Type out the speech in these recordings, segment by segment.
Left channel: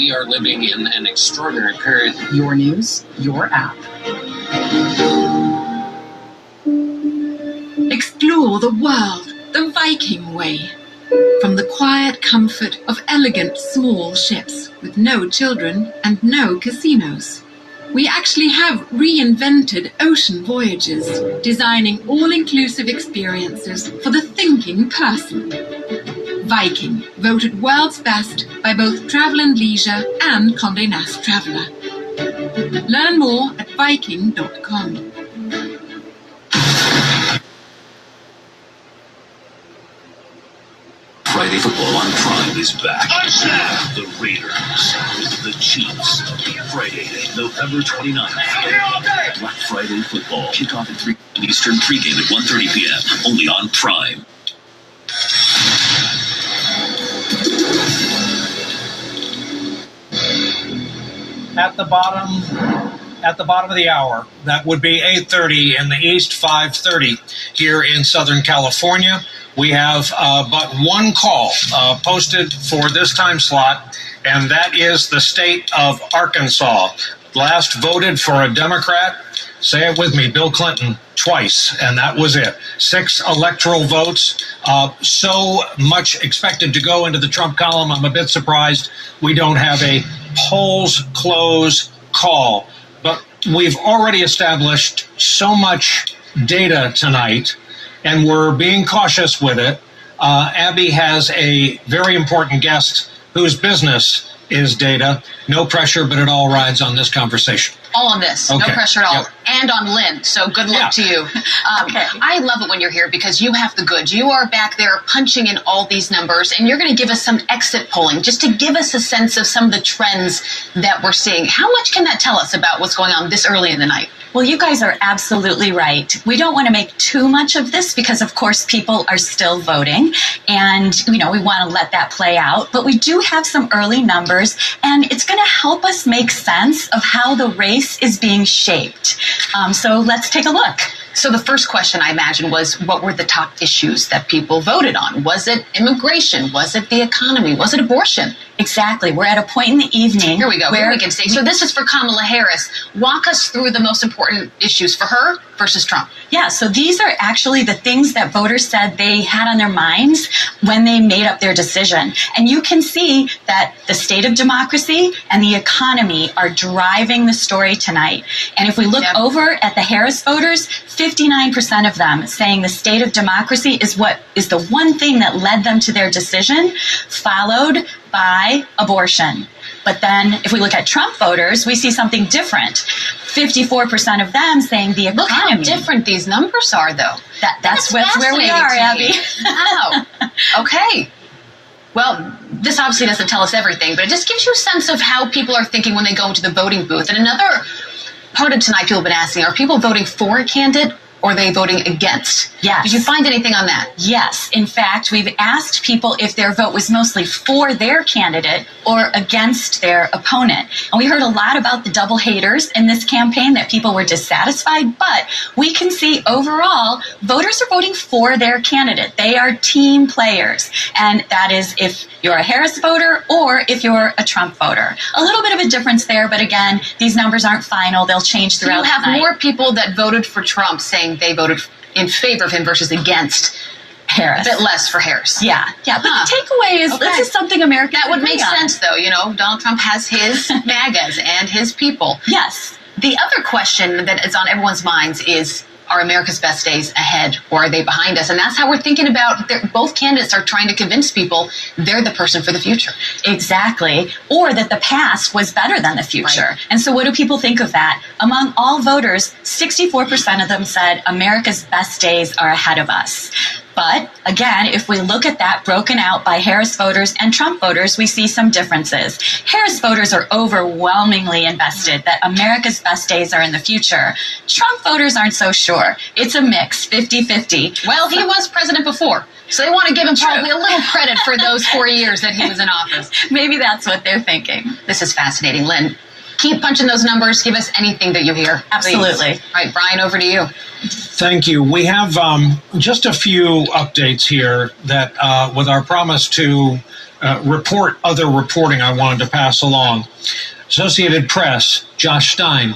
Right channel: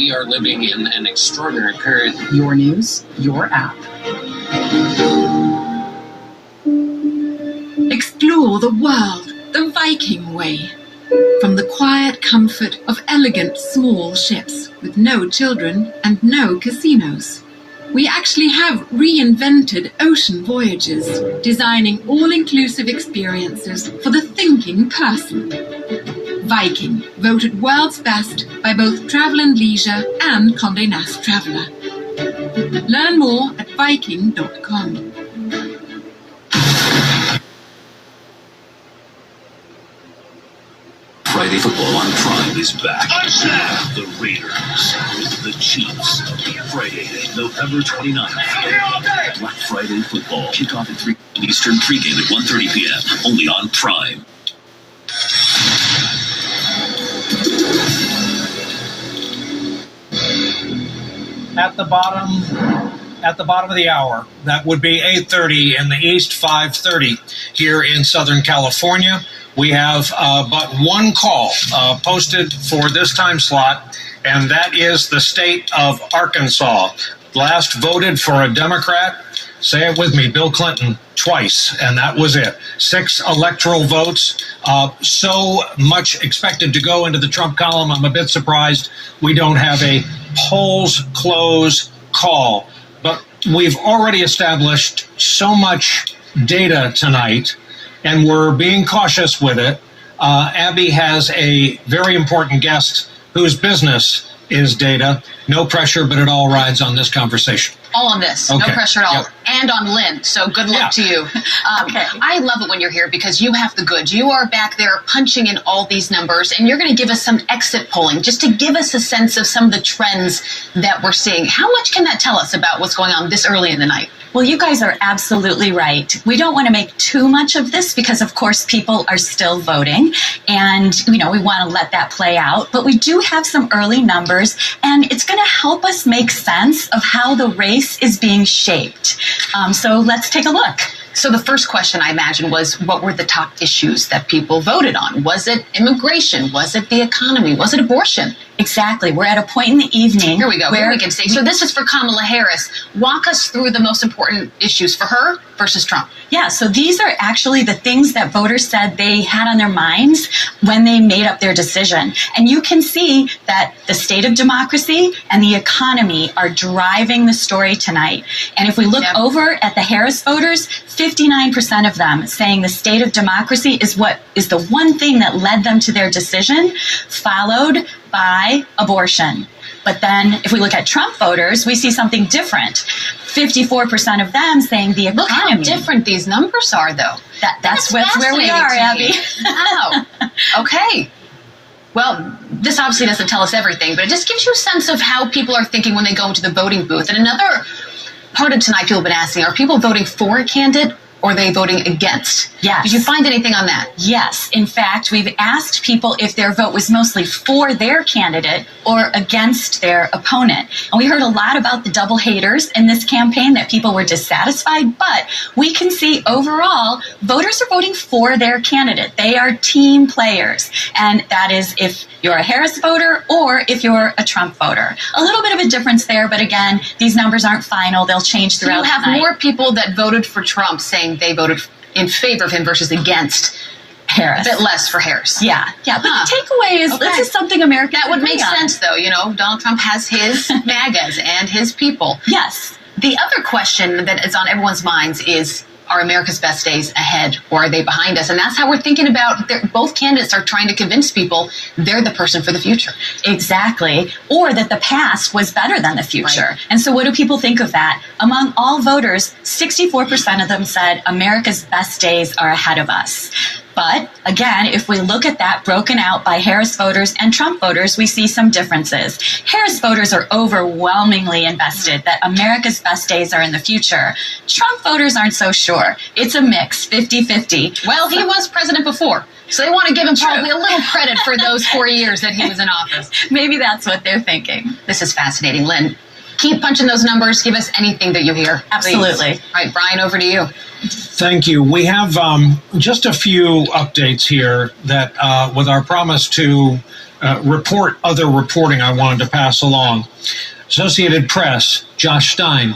we are living in an extraordinary period. Your news, your app. Explore the world the Viking way. From the quiet comfort of elegant small ships with no children and no casinos. We actually have reinvented ocean voyages, designing all-inclusive experiences for the thinking person. Viking, voted world's best by both Travel and Leisure and Condé Nast Traveler. Learn more at Viking.com. Friday football on Prime is back. The Raiders with the Chiefs. Friday, November 29th. Black Friday football. Kickoff at 3 Eastern, pregame at 1:30 p.m. Only on Prime. At the bottom of the hour, that would be 8:30 in the East, 5:30 here in Southern California. We have but one call posted for this time slot, and that is the state of Arkansas. Last voted for a Democrat, say it with me, Bill Clinton, twice, and that was it. 6 electoral votes. So much expected to go into the Trump column. I'm a bit surprised we don't have a polls close call. But we've already established so much data tonight, and we're being cautious with it. Abby has a very important guest whose business is data. No pressure, but it all rides on this conversation. All on this. Okay. No pressure at all. Yep. And on Lynn. So good luck to you. Okay. I love it when you're here because you have the goods. You are back there punching in all these numbers, and you're going to give us some exit polling just to give us a sense of some of the trends that we're seeing. How much can that tell us about what's going on this early in the night? Well, you guys are absolutely right. We don't want to make too much of this because, of course, people are still voting and, we want to let that play out. But we do have some early numbers, and it's going to help us make sense of how the race is being shaped. So let's take a look. So the first question, I imagine, was what were the top issues that people voted on? Was it immigration? Was it the economy? Was it abortion? Exactly. We're at a point in the evening. Here we go. Where we can say, so this is for Kamala Harris. Walk us through the most important issues for her versus Trump. Yeah, so these are actually the things that voters said they had on their minds when they made up their decision. And you can see that the state of democracy and the economy are driving the story tonight. And if we look over at the Harris voters, 59% of them saying the state of democracy is what is the one thing that led them to their decision, followed by abortion. But then if we look at Trump voters, we see something different. 54% of them saying the economy. Look how different these numbers are, though. That's where we are, Abby. Wow. Okay. Well, this obviously doesn't tell us everything, but it just gives you a sense of how people are thinking when they go into the voting booth. And another part of tonight people have been asking, are people voting for a candidate or are they voting against? Yes. Did you find anything on that? Yes. In fact, we've asked people if their vote was mostly for their candidate or against their opponent. And we heard a lot about the double haters in this campaign, that people were dissatisfied, but we can see overall voters are voting for their candidate. They are team players. And that is if you're a Harris voter or if you're a Trump voter. A little bit of a difference there, but again, these numbers aren't final. They'll change throughout the night. You have more people that voted for Trump saying they voted in favor of him versus against Harris. A bit less for Harris. Yeah. But the takeaway is this is something America that would make sense, though. Donald Trump has his MAGAs and his people. Yes. The other question that is on everyone's minds is, are America's best days ahead or are they behind us? And that's how we're thinking about both candidates are trying to convince people they're the person for the future. Exactly. Or that the past was better than the future. Right. And so what do people think of that? Among all voters, 64% of them said America's best days are ahead of us. But again, if we look at that broken out by Harris voters and Trump voters, we see some differences. Harris voters are overwhelmingly invested that America's best days are in the future. Trump voters aren't so sure. It's a mix, 50-50. Well, he was president before, so they want to give him probably a little credit for those 4 years that he was in office. Maybe that's what they're thinking. This is fascinating, Lynn. Keep punching those numbers. Give us anything that you hear. Absolutely. Please. All right, Brian, over to you. Thank you. We have just a few updates here that with our promise to report other reporting I wanted to pass along. Associated Press, Josh Stein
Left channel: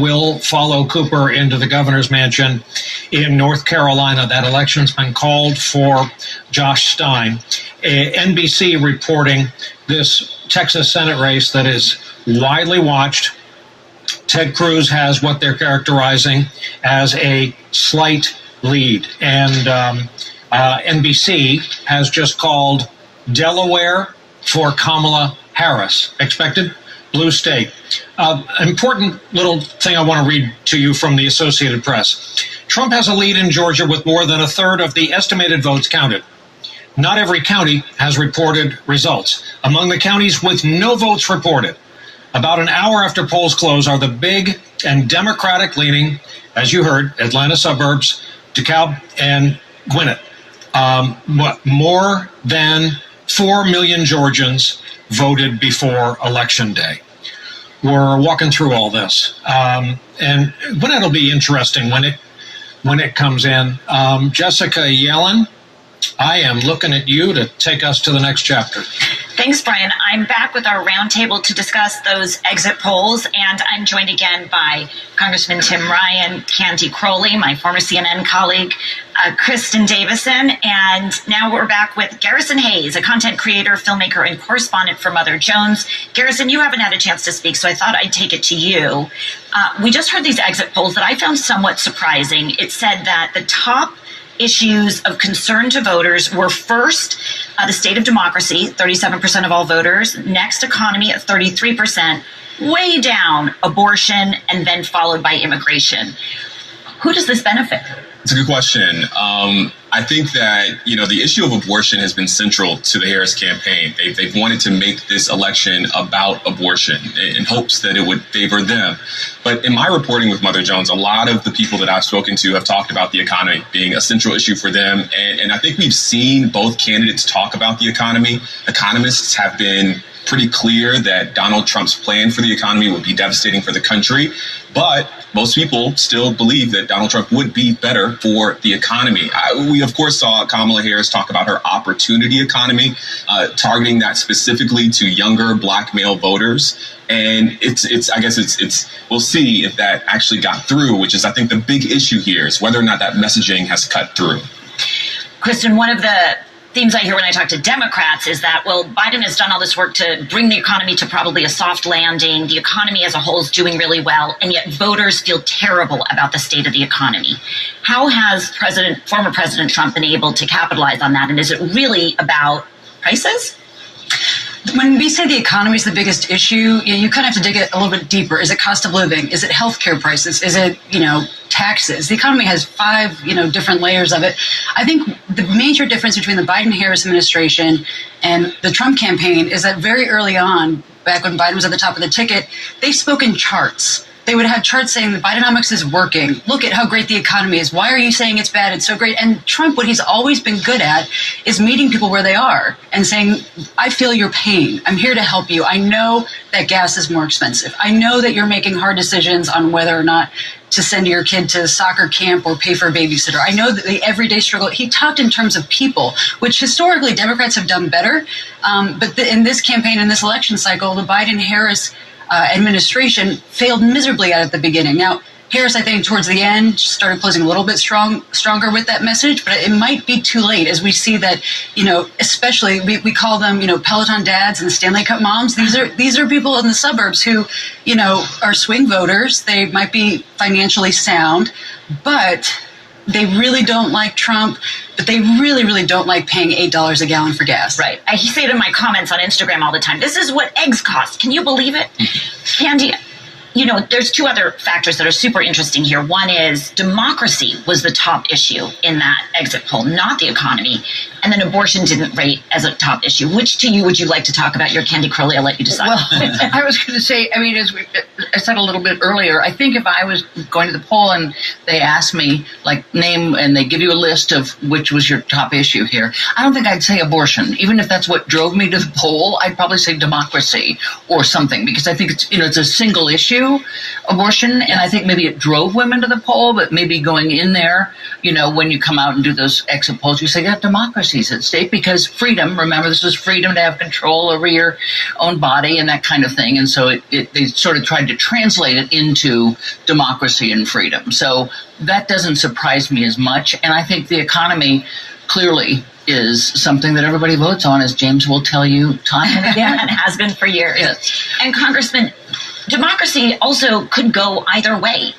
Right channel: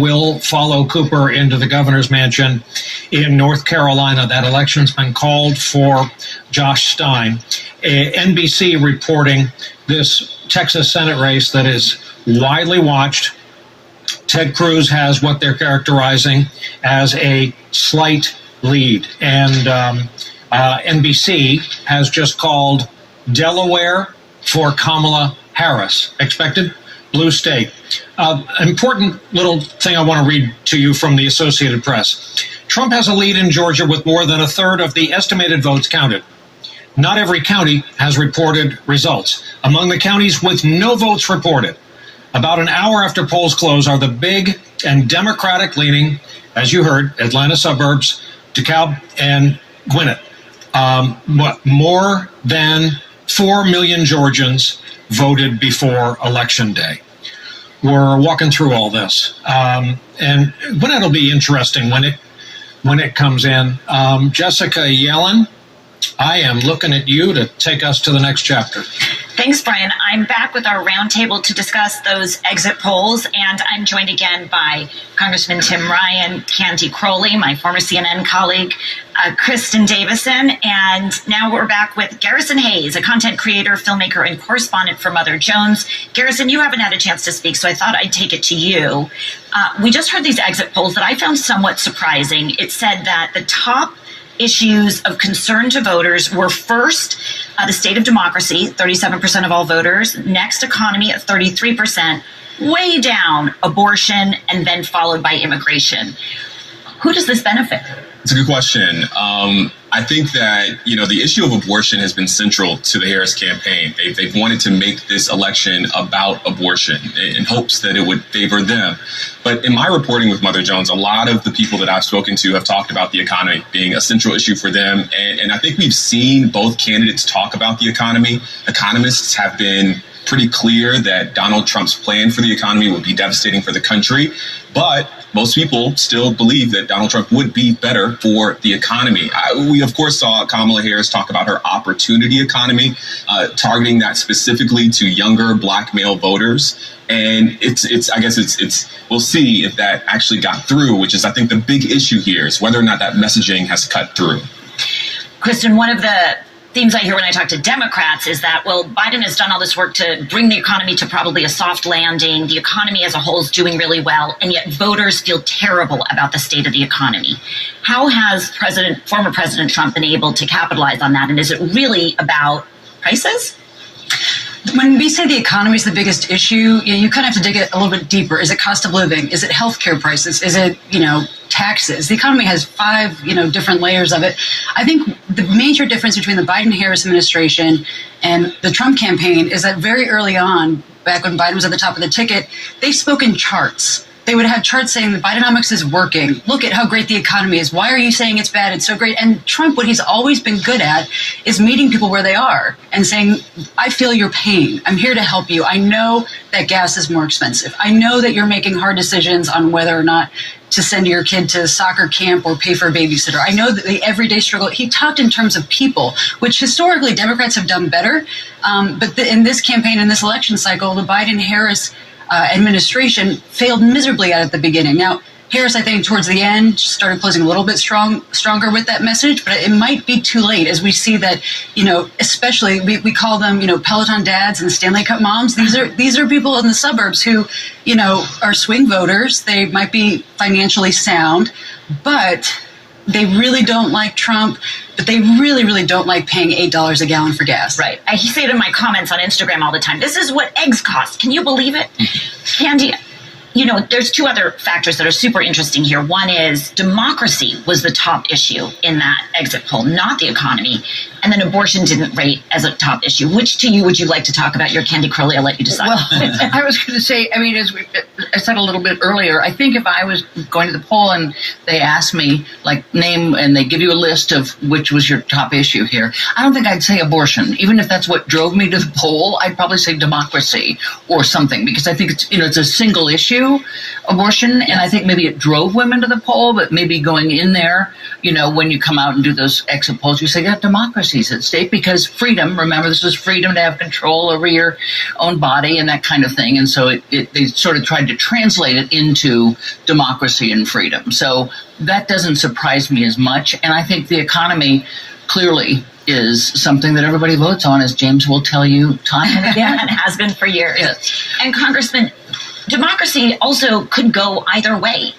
will follow Cooper into the governor's mansion in North Carolina. That election's been called for Josh Stein. NBC reporting this Texas Senate race that is widely watched. Ted Cruz has what they're characterizing as a slight lead. And NBC has just called Delaware for Kamala Harris. Expected blue state. Important little thing I want to read to you from the Associated Press. Trump has a lead in Georgia with more than a third of the estimated votes counted. Not every county has reported results. Among the counties with no votes reported, about an hour after polls close, are the big and Democratic-leaning, as you heard, Atlanta suburbs, DeKalb and Gwinnett. More than 4 million Georgians voted before Election Day. We're walking through all this. And Gwinnett will be interesting when it comes in. Jessica Yellen, I am looking at you to take us to the next chapter. Thanks, Brian. I'm back with our roundtable to discuss those exit polls, and I'm joined again by Congressman Tim Ryan, Candy Crowley, my former CNN colleague, Kristen Davison, and now we're back with Garrison Hayes, a content creator, filmmaker, and correspondent for Mother Jones. Garrison, you haven't had a chance to speak, so I thought I'd take it to you. We just heard these exit polls that I found somewhat surprising. It said that the top issues of concern to voters were first, the state of democracy, 37% of all voters, next economy at 33%, way down abortion, and then followed by immigration. Who does this benefit? It's a good question. I think that, the issue of abortion has been central to the Harris campaign. They've wanted to make this election about abortion in hopes that it would favor them. But in my reporting with Mother Jones, a lot of the people that I've spoken to have talked about the economy being a central issue for them. And I think we've seen both candidates talk about the economy. Economists have been pretty clear that Donald Trump's plan for the economy would be devastating for the country. But most people still believe that Donald Trump would be better for the economy. We, of course, saw Kamala Harris talk about her opportunity economy, targeting that specifically to younger Black male voters. And we'll see if that actually got through, which is, I think, the big issue here is whether or not that messaging has cut through. Kristen, one of the themes I hear when I talk to Democrats is that, well, Biden has done all this work to bring the economy to probably a soft landing. The economy as a whole is doing really well, and yet voters feel terrible about the state of the economy. How has former President Trump been able to capitalize on that? And is it really about prices? When we say the economy is the biggest issue, you kind of have to dig it a little bit deeper. Is it cost of living? Is it healthcare prices? Is it, taxes? The economy has 5, different layers of it. I think the major difference between the Biden-Harris administration and the Trump campaign is that very early on, back when Biden was at the top of the ticket, they spoke in charts. They would have charts saying the Bidenomics is working. Look at how great the economy is. Why are you saying it's bad? It's so great. And Trump, what he's always been good at is meeting people where they are and saying, I feel your pain. I'm here to help you. I know that gas is more expensive. I know that you're making hard decisions on whether or not to send your kid to soccer camp or pay for a babysitter. I know that the everyday struggle, he talked in terms of people, which historically Democrats have done better. But in this campaign, in this election cycle, the Biden-Harris administration failed miserably at the beginning. Now, Harris, I think, towards the end, started closing a little bit stronger with that message, but it might be too late as we see that, especially we call them, Peloton dads and Stanley Cup moms. These are people in the suburbs who, are swing voters. They might be financially sound, but they really don't like Trump, but they really, really don't like paying $8 a gallon for gas. Right. I say it in my comments on Instagram all the time. This is what eggs cost. Can you believe it? Candy, there's two other factors that are super interesting here. One is democracy was the top issue in that exit poll, not the economy. And then abortion didn't rate as a top issue. Which to you would you like to talk about? Your Candy Crowley, I'll let you decide. Well, I was going to say, as I said a little bit earlier, I think if I was going to the poll and they asked me, name, and they give you a list of which was your top issue here, I don't think I'd say abortion. Even if that's what drove me to the poll, I'd probably say democracy or something, because I think it's a single issue. abortion, and I think maybe it drove women to the poll, but maybe going in there, when you come out and do those exit polls, you say, yeah, democracy's at stake because freedom, remember, this is freedom to have control over your own body and that kind of thing. And so they sort of tried to translate it into democracy and freedom. So that doesn't surprise me as much. And I think the economy clearly is something that everybody votes on, as James will tell you time and again. And has been for years. Yes. And Congressman, democracy also could go either way.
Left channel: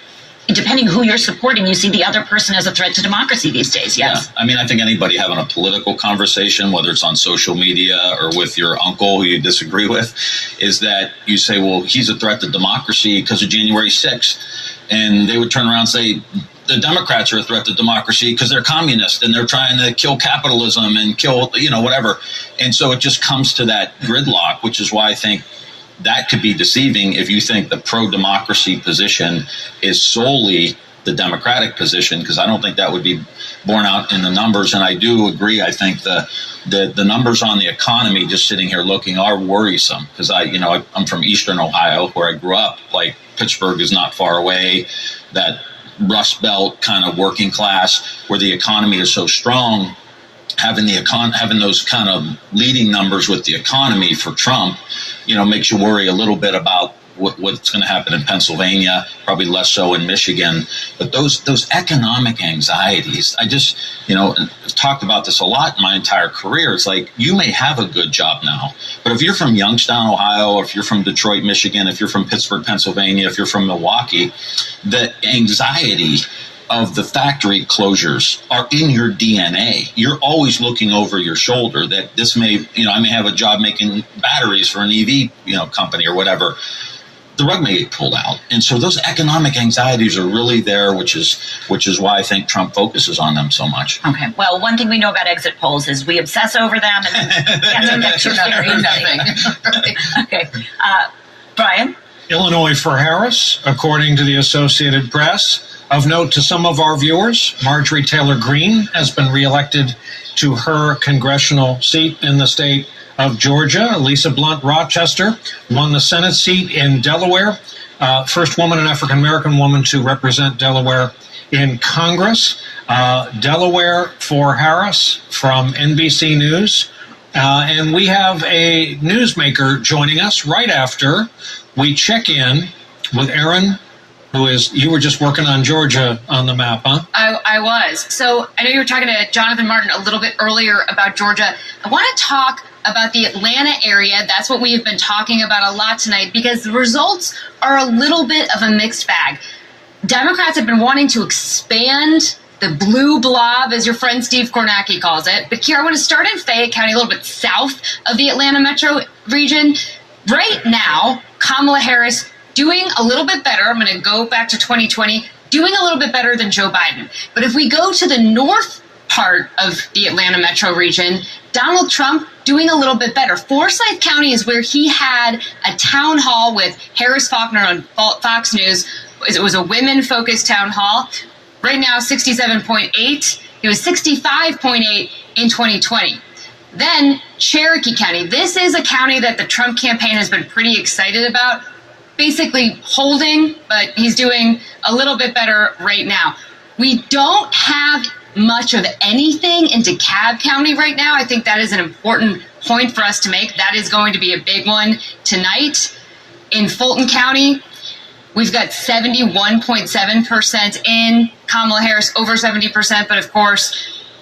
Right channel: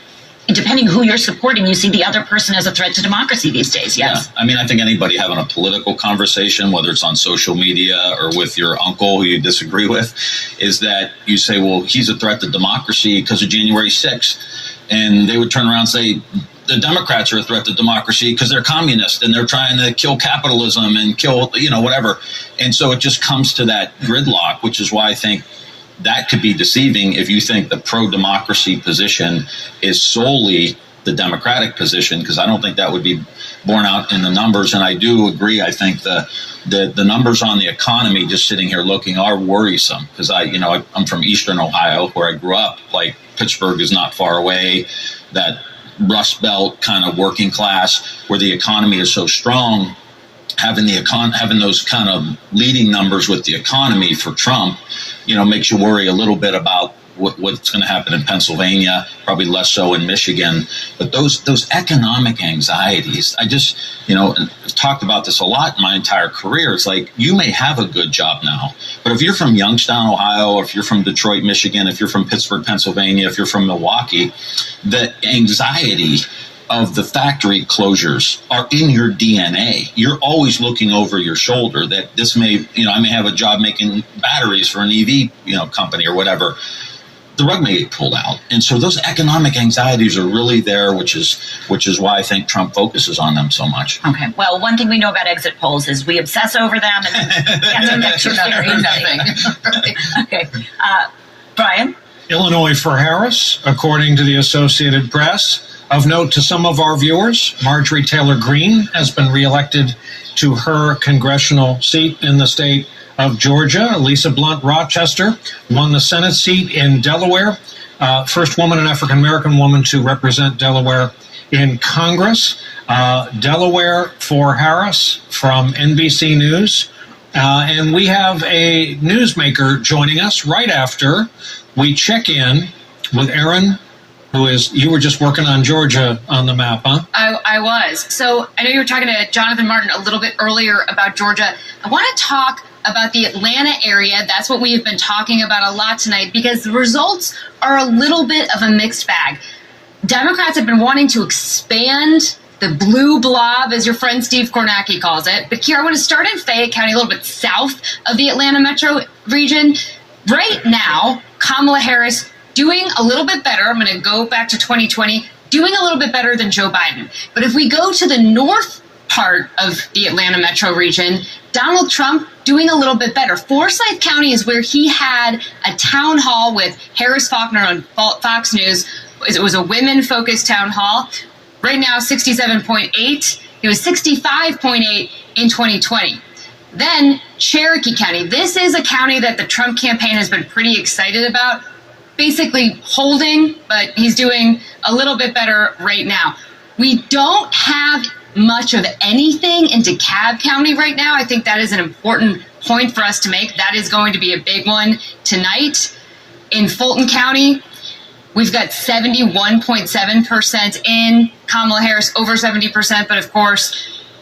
Depending who you're supporting, you see the other person as a threat to democracy these days, yes? Yeah. I mean, I think anybody having a political conversation, whether it's on social media or with your uncle who you disagree with, is that you say, well, he's a threat to democracy because of January 6th. And they would turn around and say, the Democrats are a threat to democracy because they're communist and they're trying to kill capitalism and kill, whatever. And so it just comes to that gridlock, which is why I think that could be deceiving if you think the pro-democracy position is solely the Democratic position, because I don't think that would be borne out in the numbers. And I do agree. I think the numbers on the economy, just sitting here looking, are worrisome because I'm from Eastern Ohio where I grew up. Like Pittsburgh is not far away. That Rust Belt kind of working class where the economy is so strong, having those kind of leading numbers with the economy for Trump, makes you worry a little bit about what's going to happen in Pennsylvania, probably less so in Michigan. But those economic anxieties, I just, talked about this a lot in my entire career. It's like, you may have a good job now, but if you're from Youngstown, Ohio, if you're from Detroit, Michigan, if you're from Pittsburgh, Pennsylvania, if you're from Milwaukee, the anxiety of the factory closures are in your DNA. You're always looking over your shoulder that this may, I may have a job making batteries for an EV, company or whatever. The rug may get pulled out. And so those economic anxieties are really there, which is why I think Trump focuses on them so much. Okay. Well, one thing we know about exit polls is we obsess over them and get too Okay. Brian? Illinois for Harris, according to the Associated Press. Of note to some of our viewers, Marjorie Taylor Greene has been reelected to her congressional seat in the state of Georgia. Lisa Blunt Rochester won the Senate seat in Delaware. First woman and African-American woman to represent Delaware in Congress. Delaware for Harris from NBC News. And we have a newsmaker joining us right after we check in with Aaron, you were just working on Georgia on the map, huh? I was. So I know you were talking to Jonathan Martin a little bit earlier about Georgia. I want to talk about the Atlanta area. That's what we've been talking about a lot tonight because the results are a little bit of a mixed bag. Democrats have been wanting to expand the blue blob, as your friend Steve Kornacki calls it. But Kiara, I want to start in Fayette County, a little bit south of the Atlanta metro region. Right now, Kamala Harris doing a little bit better. I'm going to go back to 2020, doing a little bit better than Joe Biden. But if we go to the north part of the Atlanta metro region, Donald Trump doing a little bit better. Forsyth County is where he had a town hall with Harris Faulkner on Fox News. It was a women-focused town hall. Right now, 67.8. It was 65.8 in 2020. Then Cherokee County. This is a county that the Trump campaign has been pretty excited about. Basically holding, but he's doing a little bit better right now. We don't have much of anything in DeKalb County right now. I think that is an important point for us to make. That is going to be a big one tonight. In Fulton County, we've got 71.7% in. Kamala Harris over 70%, but of course,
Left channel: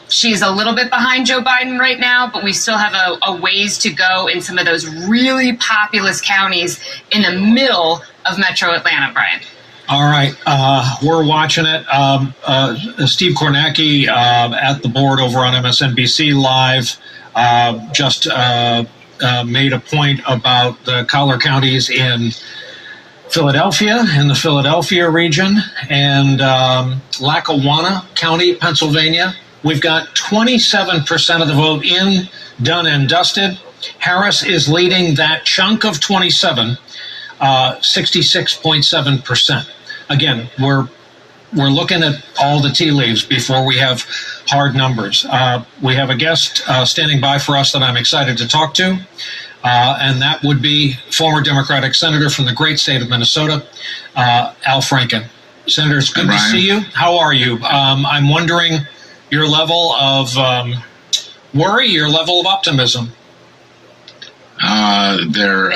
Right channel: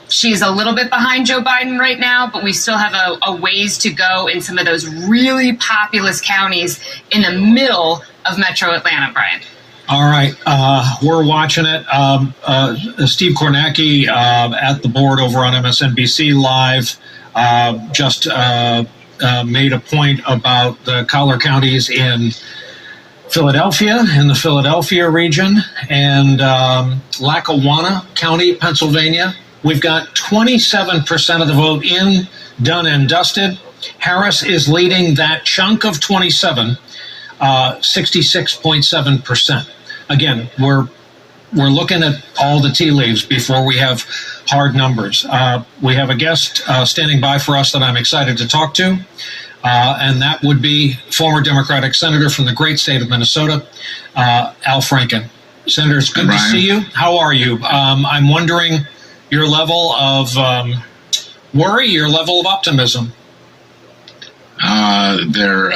she's a little bit behind Joe Biden right now, but we still have a ways to go in some of those really populous counties in the middle of Metro Atlanta, Brian. All right. We're watching it. Steve Kornacki at the board over on MSNBC Live just made a point about the collar counties in Philadelphia, in the Philadelphia region, and Lackawanna County, Pennsylvania. We've got 27% of the vote in, done and dusted. Harris is leading that chunk of 27, 66.7%. Again, we're looking at all the tea leaves before we have hard numbers. We have a guest standing by for us that I'm excited to talk to, and that would be former Democratic Senator from the great state of Minnesota, Al Franken. Senator, it's good to see you. How are you? I'm wondering your level of worry, your level of optimism. They're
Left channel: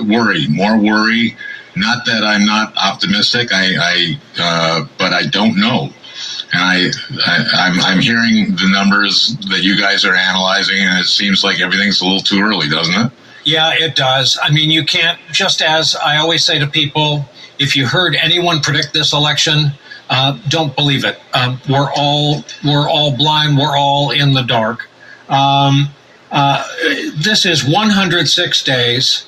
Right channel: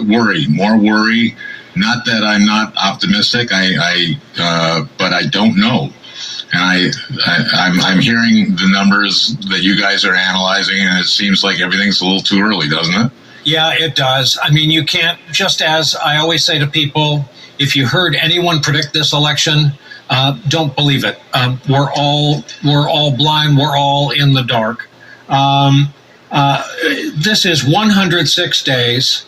more worry. Not that I'm not optimistic, but I don't know. And I'm hearing the numbers that you guys are analyzing, and it seems like everything's a little too early, doesn't it? Yeah, it does. I mean, you can't, just as I always say to people, if you heard anyone predict this election, don't believe it. We're all blind. We're all in the dark. This is 106 days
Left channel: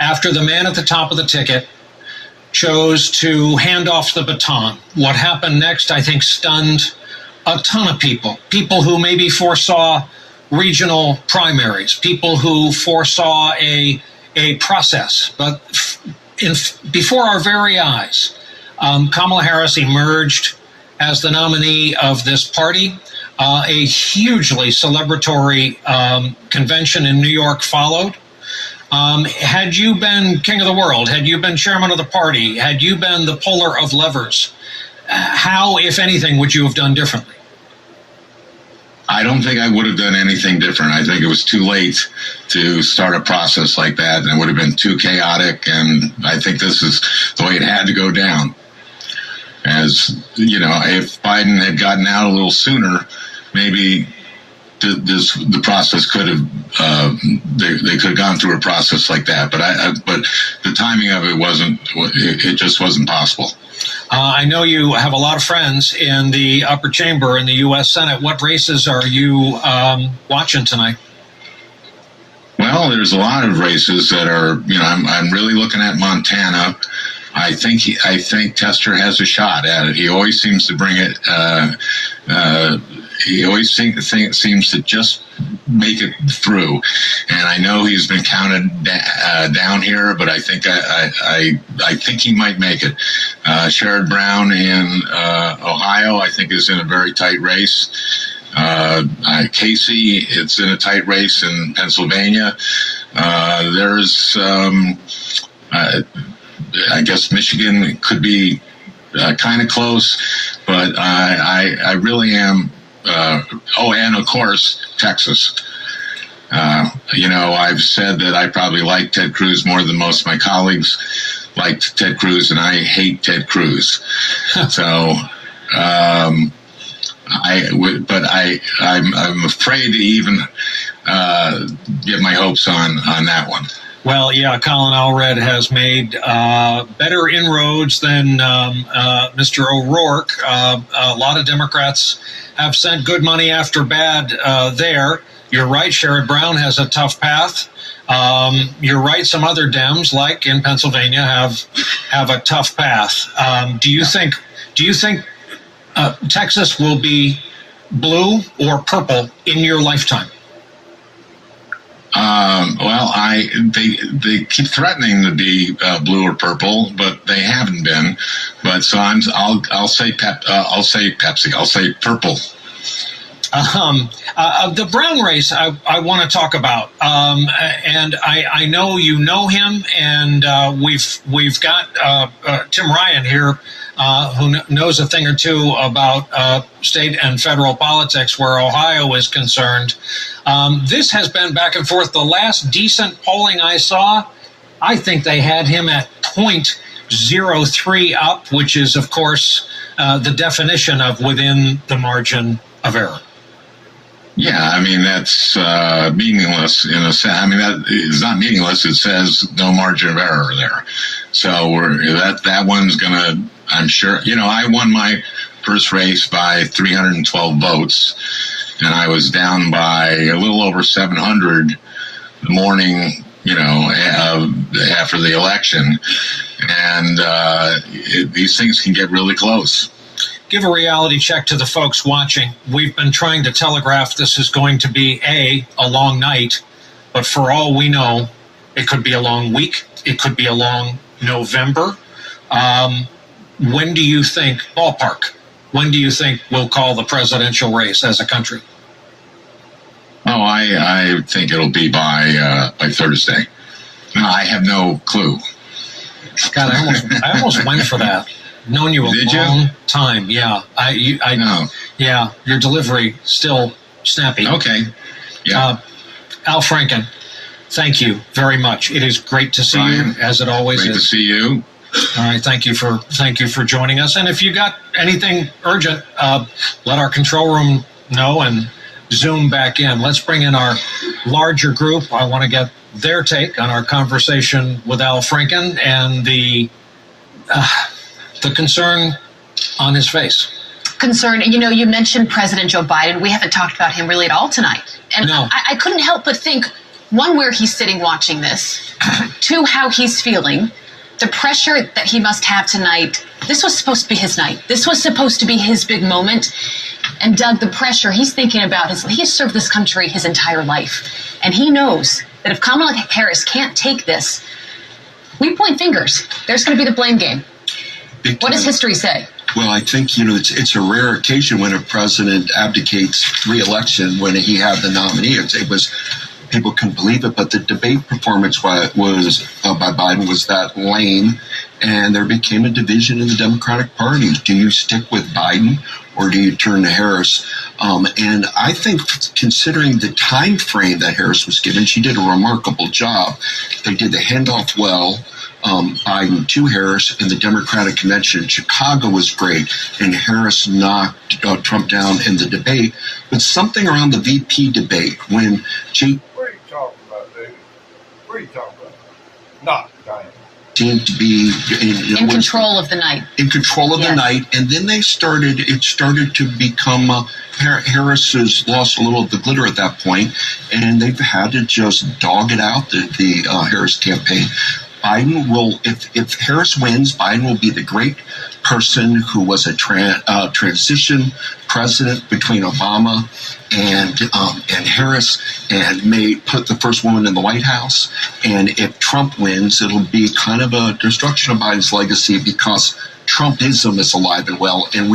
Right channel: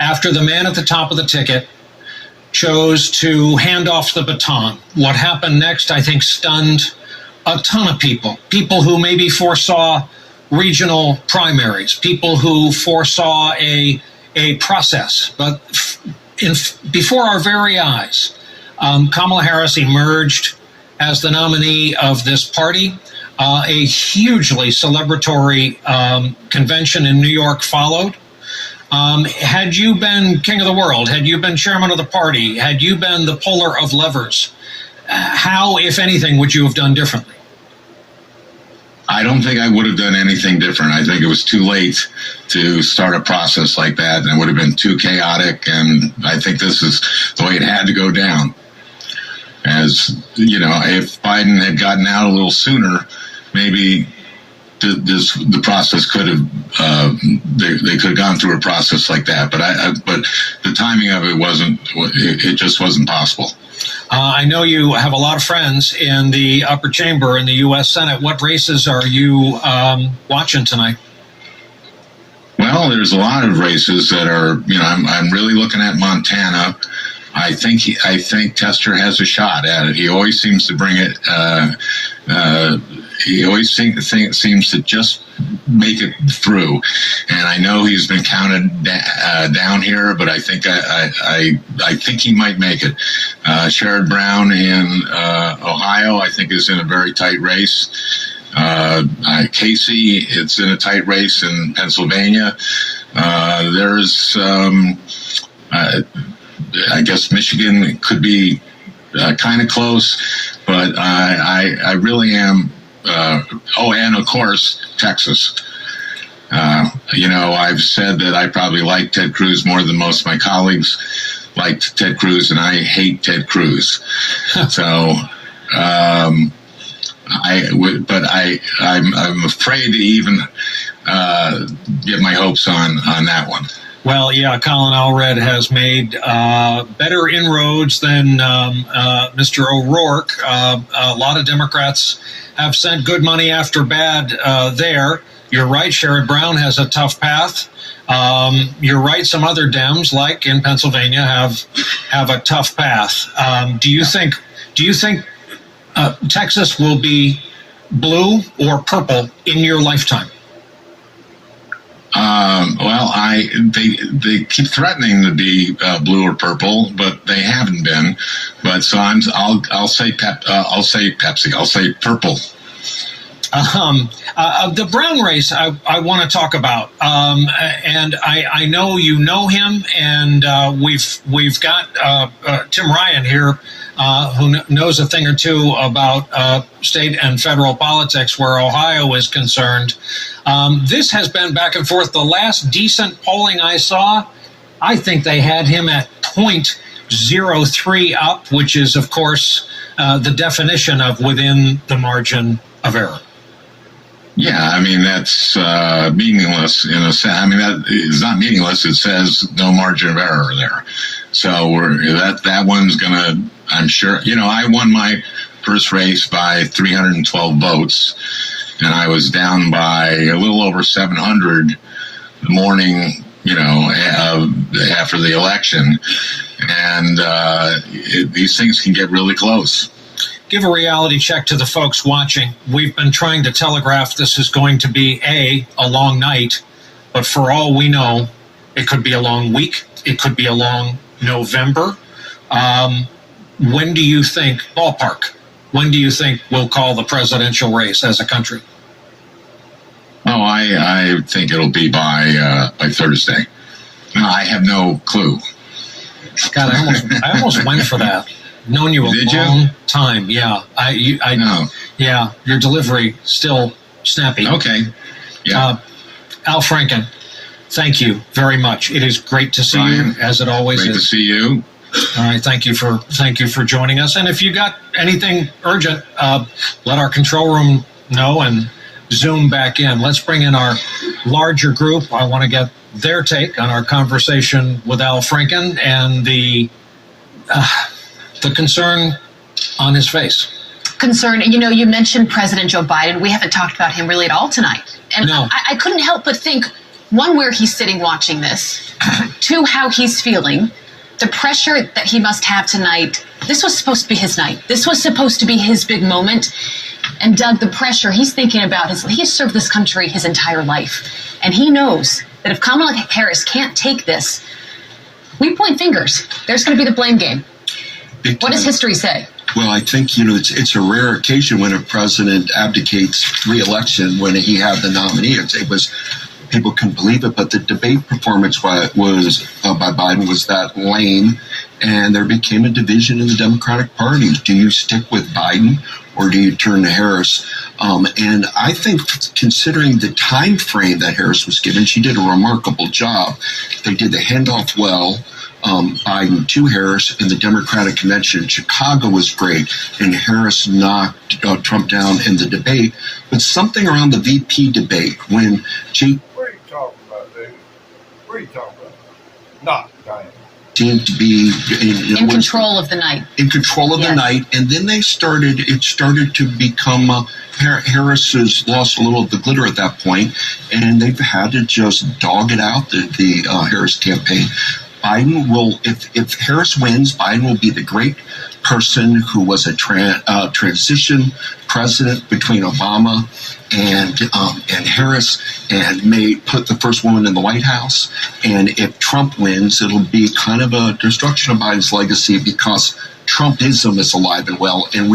after the man at the top of the ticket chose to hand off the baton. What happened next, I think, stunned a ton of people. People who maybe foresaw regional primaries, people who foresaw a process. But before our very eyes, Kamala Harris emerged as the nominee of this party. A hugely celebratory convention in New York followed. Had you been king of the world, had you been chairman of the party, had you been the puller of levers, how, if anything, would you have done differently? I don't think I would have done anything different. I think it was too late to start a process like that, and it would have been too chaotic, and I think this is the way it had to go down. As, you know, if Biden had gotten out a little sooner, maybe the process could have, they could have gone through a process like that. But the timing of it wasn't, it just wasn't possible. I know you have a lot of friends in the upper chamber in the U.S. Senate. What races are you watching tonight? Well, there's a lot of races that are, you know, I'm really looking at Montana. I think Tester has a shot at it. He always seems to bring it. He always seems to just make it through. And I know he's been counted down here, but I think I think he might make it. Sherrod Brown in Ohio, I think, is in a very tight race. Casey, it's in a tight race in Pennsylvania. There's I guess Michigan could be kind of close, but I really am. And of course, Texas. You know, I've said that I probably like Ted Cruz more than most of my colleagues liked Ted Cruz, and I hate Ted Cruz. So, I'm afraid to even give my hopes on that one. Well, yeah, Colin Allred has made better inroads than Mr. O'Rourke. A lot of Democrats have sent good money after bad there. You're right, Sherrod Brown has a tough path. You're right, some other Dems, like in Pennsylvania, have a tough path. Do you think Texas will be blue or purple in your lifetime? Well, they keep threatening to be blue or purple, but they haven't been. But so I'll say Pepsi. I'll say purple. The Brown race I want to talk about, and I know you know him, and we've got Tim Ryan here, who knows a thing or two about state and federal politics where Ohio is concerned. This has been back and forth. The last decent polling I saw, I think they had him at 0.03 up, which is, of course, the definition of within the margin of error. Yeah, I mean, that's meaningless in a sense. I mean, that is not meaningless. It says no margin of error there. So that one's going to, I'm sure, you know, I won my first race by 312 votes. And I was down by a little over 700 the morning, you know, after the election. And these things can get really close. Give a reality check to the folks watching. We've been trying to telegraph this is going to be a long night, but for all we know, it could be a long week. It could be a long November. When do you think, ballpark, when do you think we'll call the presidential race as a country? Oh, I think it'll be by Thursday. No, I have no clue. God, I almost went for that. Known you a long time. Yeah. I know. Yeah. Your delivery still snappy. Okay. Yeah. Al Franken, thank you very much. It is great to see you, as it always is. Great to see you. All right, thank you for joining us. And if you got anything urgent, let our control room know and zoom back in. Let's bring in our larger group. I want to get their take on our conversation with Al Franken and the concern on his face. Concern, and you mentioned President Joe Biden. We haven't talked about him really at all tonight. And no. I couldn't help but think, one, where he's sitting watching this, two, how he's feeling, the pressure that he must have tonight. This was supposed to be his night. This was supposed to be his big moment. And Doug, the pressure he's thinking about, he has served this country his entire life. And he knows that if Kamala Harris can't take this, we point fingers. There's going to be the blame game. What does history say? Well, I think, it's a rare occasion when a president abdicates re-election when he had the nominee. It was, people couldn't believe it, but the debate performance by Biden was that lame, and there became a division in the Democratic Party. Do you stick with Biden or do you turn to Harris? And I think, considering the time frame that Harris was given, she did a remarkable job. They did the handoff well. Biden to Harris in the Democratic Convention in Chicago was great, and Harris knocked Trump down in the debate. But something around the VP debate when What are you talking about, David? What are you talking about? Not seemed to be in control of the night. In control of the night, and then it started to become Harris has lost a little of the glitter at that point, and they've had to just dog it out, the Harris campaign. Biden will, if Harris wins, Biden will be the great person who was a transition president between Obama and Harris, and may put the first woman in the White House. And if Trump wins, it'll be kind of a destruction of Biden's legacy, because Trumpism is alive and well, and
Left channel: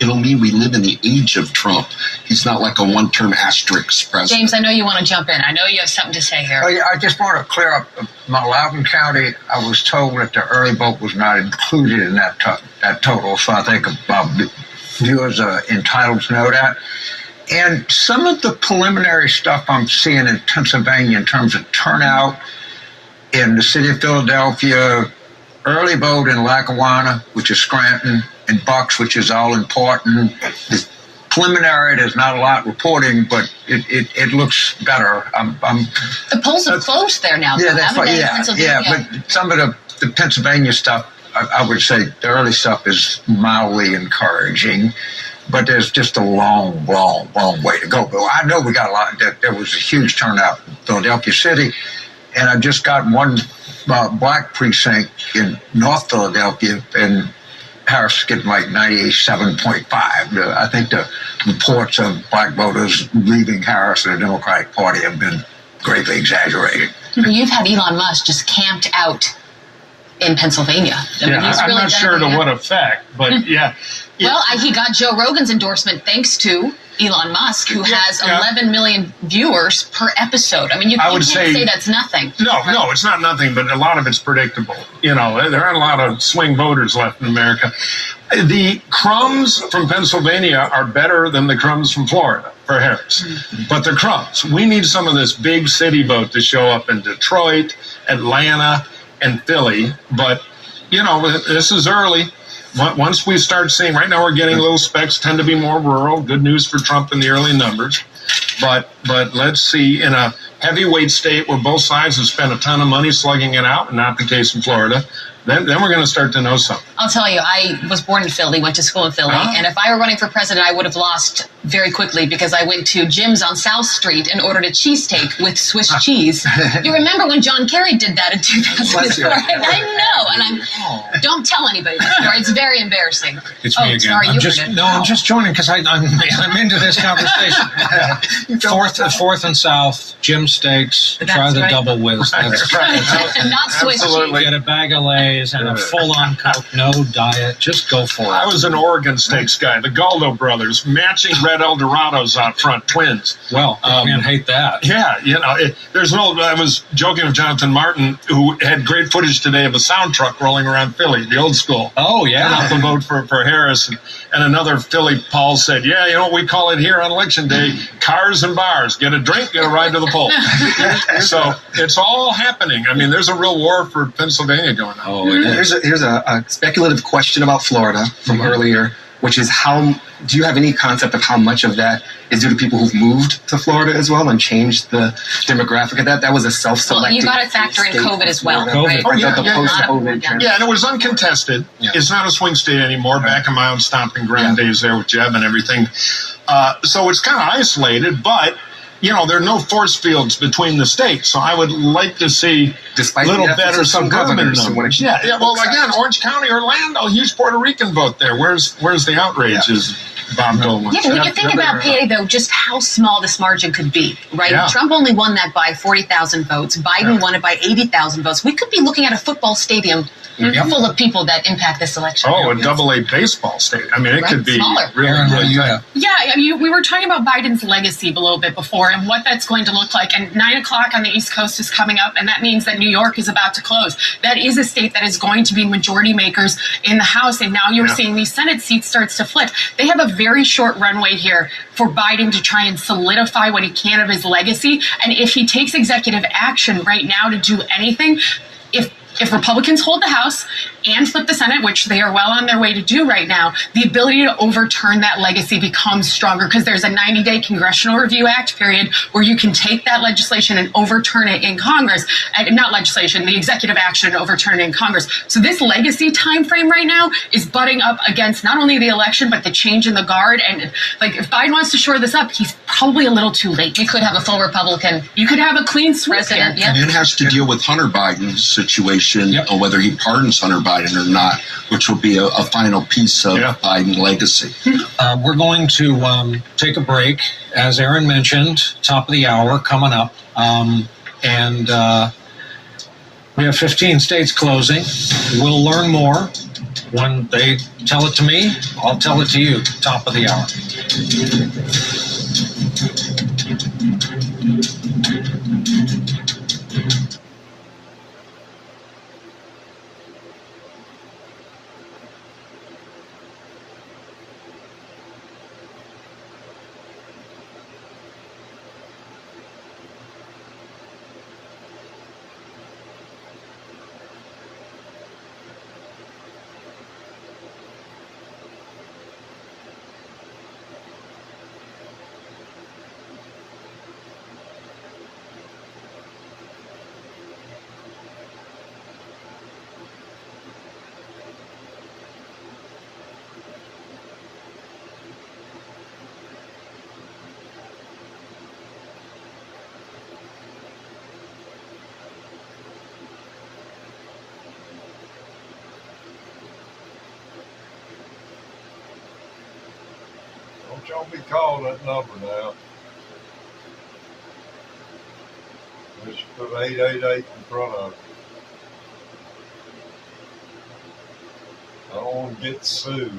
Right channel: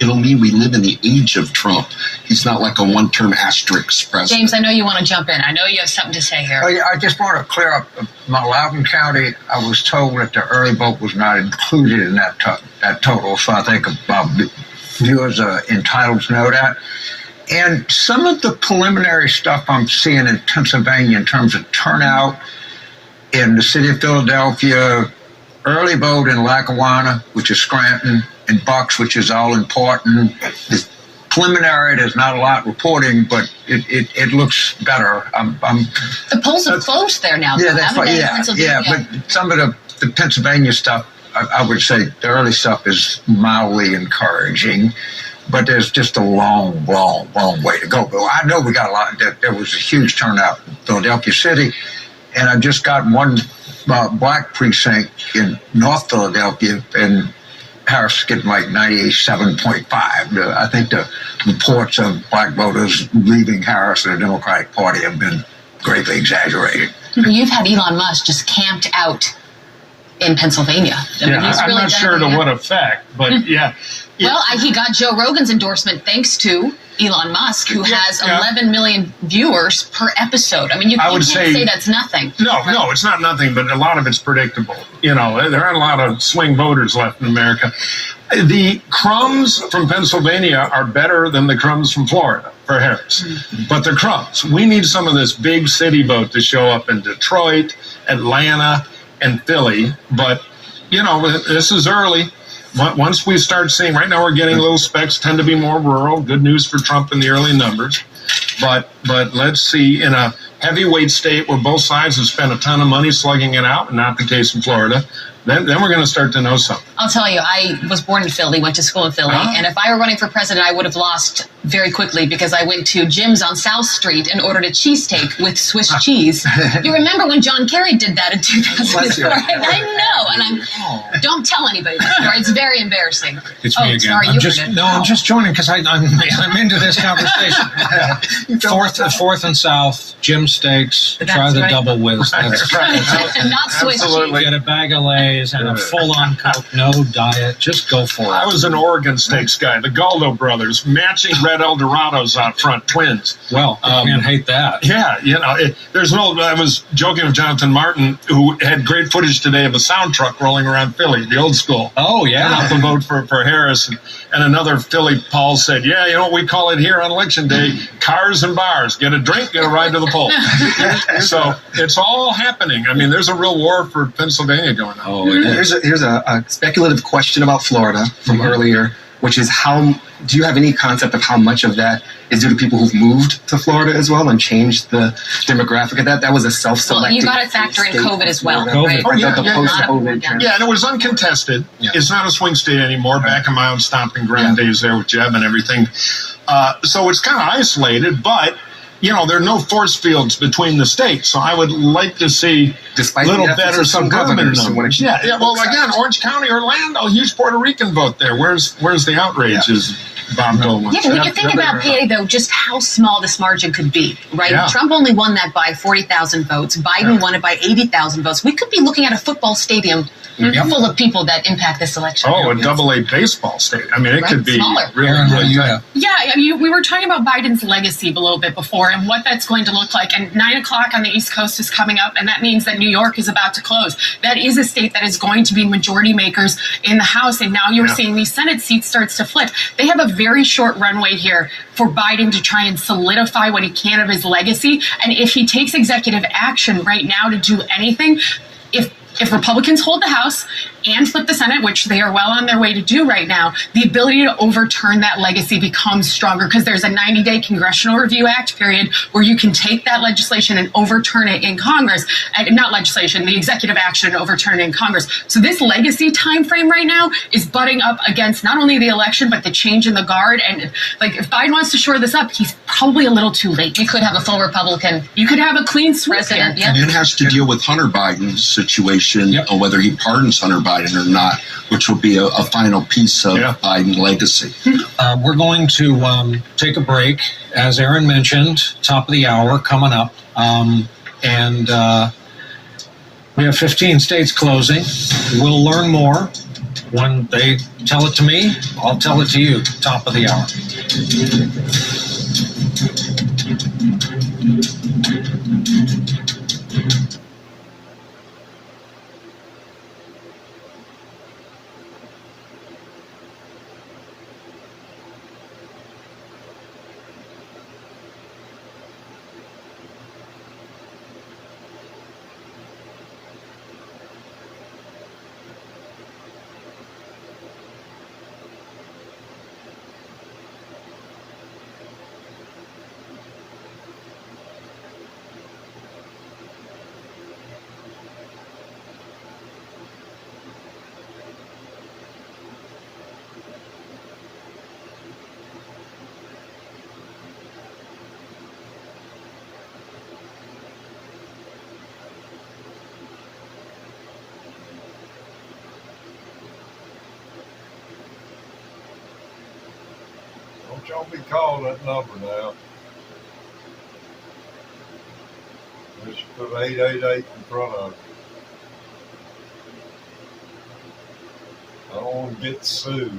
it'll mean we live in the age of Trump. He's not like a one-term asterisk president. James, I know you want to jump in. I know you have something to say here. I just want to clear up. My Loudoun County, I was told that the early vote was not included in that total, so I think viewers are entitled to know that. And some of the preliminary stuff I'm seeing in Pennsylvania in terms of turnout in the city of Philadelphia, early vote in Lackawanna, which is Scranton, and Bucks, which is all important. It's preliminary. There's not a lot reporting, but it looks better. The polls have closed there now. But some of the Pennsylvania stuff, I would say the early stuff is mildly encouraging, but there's just a long way to go. But I know we got a lot. There was a huge turnout in Philadelphia City, and I just got one black precinct in North Philadelphia, and Harris getting like 97.5. I think the reports of black voters leaving Harris and the Democratic Party have been greatly exaggerated. You've had Elon Musk just camped out in Pennsylvania. I'm not sure to what effect, but yeah. Well, he got Joe Rogan's endorsement thanks to Elon Musk, who has 11 million viewers per episode. I mean, you can't say that's nothing. No, it's not nothing, but a lot of it's predictable. There aren't a lot of swing voters left in America. The crumbs from Pennsylvania are better than the crumbs from Florida for Harris. Mm-hmm. But the crumbs, we need some of this big city vote to show up in Detroit, Atlanta, and Philly. But, this is early. Once we start seeing, right now we're getting little specks, tend to be more rural. Good news for Trump in the early numbers. But let's see, in a heavyweight state where both sides have spent a ton of money slugging it out, and not the case in Florida, then we're going to start to know something. I'll tell you, I was born in Philly, went to school in Philly, and if I were running for president, I would have lost very quickly because I went to Jim's on South Street and ordered a cheesesteak with Swiss cheese. You remember when John Kerry did that in 2004? I know, and don't tell anybody that story. It's very embarrassing. It's me again. Sorry, I'm just joining because I'm into this conversation. Fourth and South, Jim Steaks, try the double whiz. Not Swiss cheese. Get a bag of Lay's and a full-on Coke, no no diet. Just go for it. I was an Oregon Steaks guy. The Galdo brothers, matching red Eldorados out front, twins. Well, you can't hate that. Yeah, I was joking with Jonathan Martin, who had great footage today of a sound truck rolling around Philly, the old school. Oh, yeah. Up the vote for Harris. And another Philly Paul said, yeah, you know what we call it here on Election Day? Cars and bars. Get a drink, get a ride to the polls. So it's all happening. I mean, there's a real war for Pennsylvania going on. Oh, here's a speculative question about Florida from earlier, which is do you have any concept of how much of that is due to people who've moved to Florida as well and changed the demographic of that? That was a self-selected. Well, you got to factor in COVID as well. Right? Oh, yeah. Post-COVID. Yeah, and it was uncontested. Yeah. It's not a swing state anymore. Back in my own stomping ground days there with Jeb and everything. So it's kind of isolated, but there are no force fields between the states. So I would like to see a little better some governors. Yeah. Well, again, Orange County, Orlando, huge Puerto Rican vote there. Where's the outrage? Is Bob Dole? Yeah, when you think about PA, though, just how small this margin could be, right? Yeah. Trump only won that by 40,000 votes. Biden won it by 80,000 votes. We could be looking at a football stadium full of people that impact this election. Oh, a double-A baseball state. I mean, it could be really Yeah, I mean, we were talking about Biden's legacy a little bit before and what that's going to look like. And 9 o'clock on the East Coast is coming up, and that means that New York is about to close. That is a state that is going to be majority makers in the House, and now you're seeing these Senate seats starts to flip. They have a very short runway here for Biden to try and solidify what he can of his legacy. And if he takes executive action right now to do anything, if Republicans hold the House and flip the Senate, which they are well on their way to do right now, the ability to overturn that legacy becomes stronger because there's a 90-day Congressional Review Act period where you can take that legislation and overturn it in Congress. Not legislation, the executive action and overturn it in Congress. So this legacy time frame right now is butting up against not only the election, but the change in the guard. And if Biden wants to shore this up, he's probably a little too late. You could have a full Republican. You could have a clean sweep here. And it has to deal with Hunter Biden's situation, or whether he pardons Hunter Biden or not, which will be a final piece of Biden legacy. We're going to take a break, as Aaron mentioned, top of the hour coming up. And we have 15 states closing. We'll learn more. When they tell it to me, I'll tell it to you, top of the hour. Don't be calling that number now. Let's put 888 in front of it. I don't want to get sued.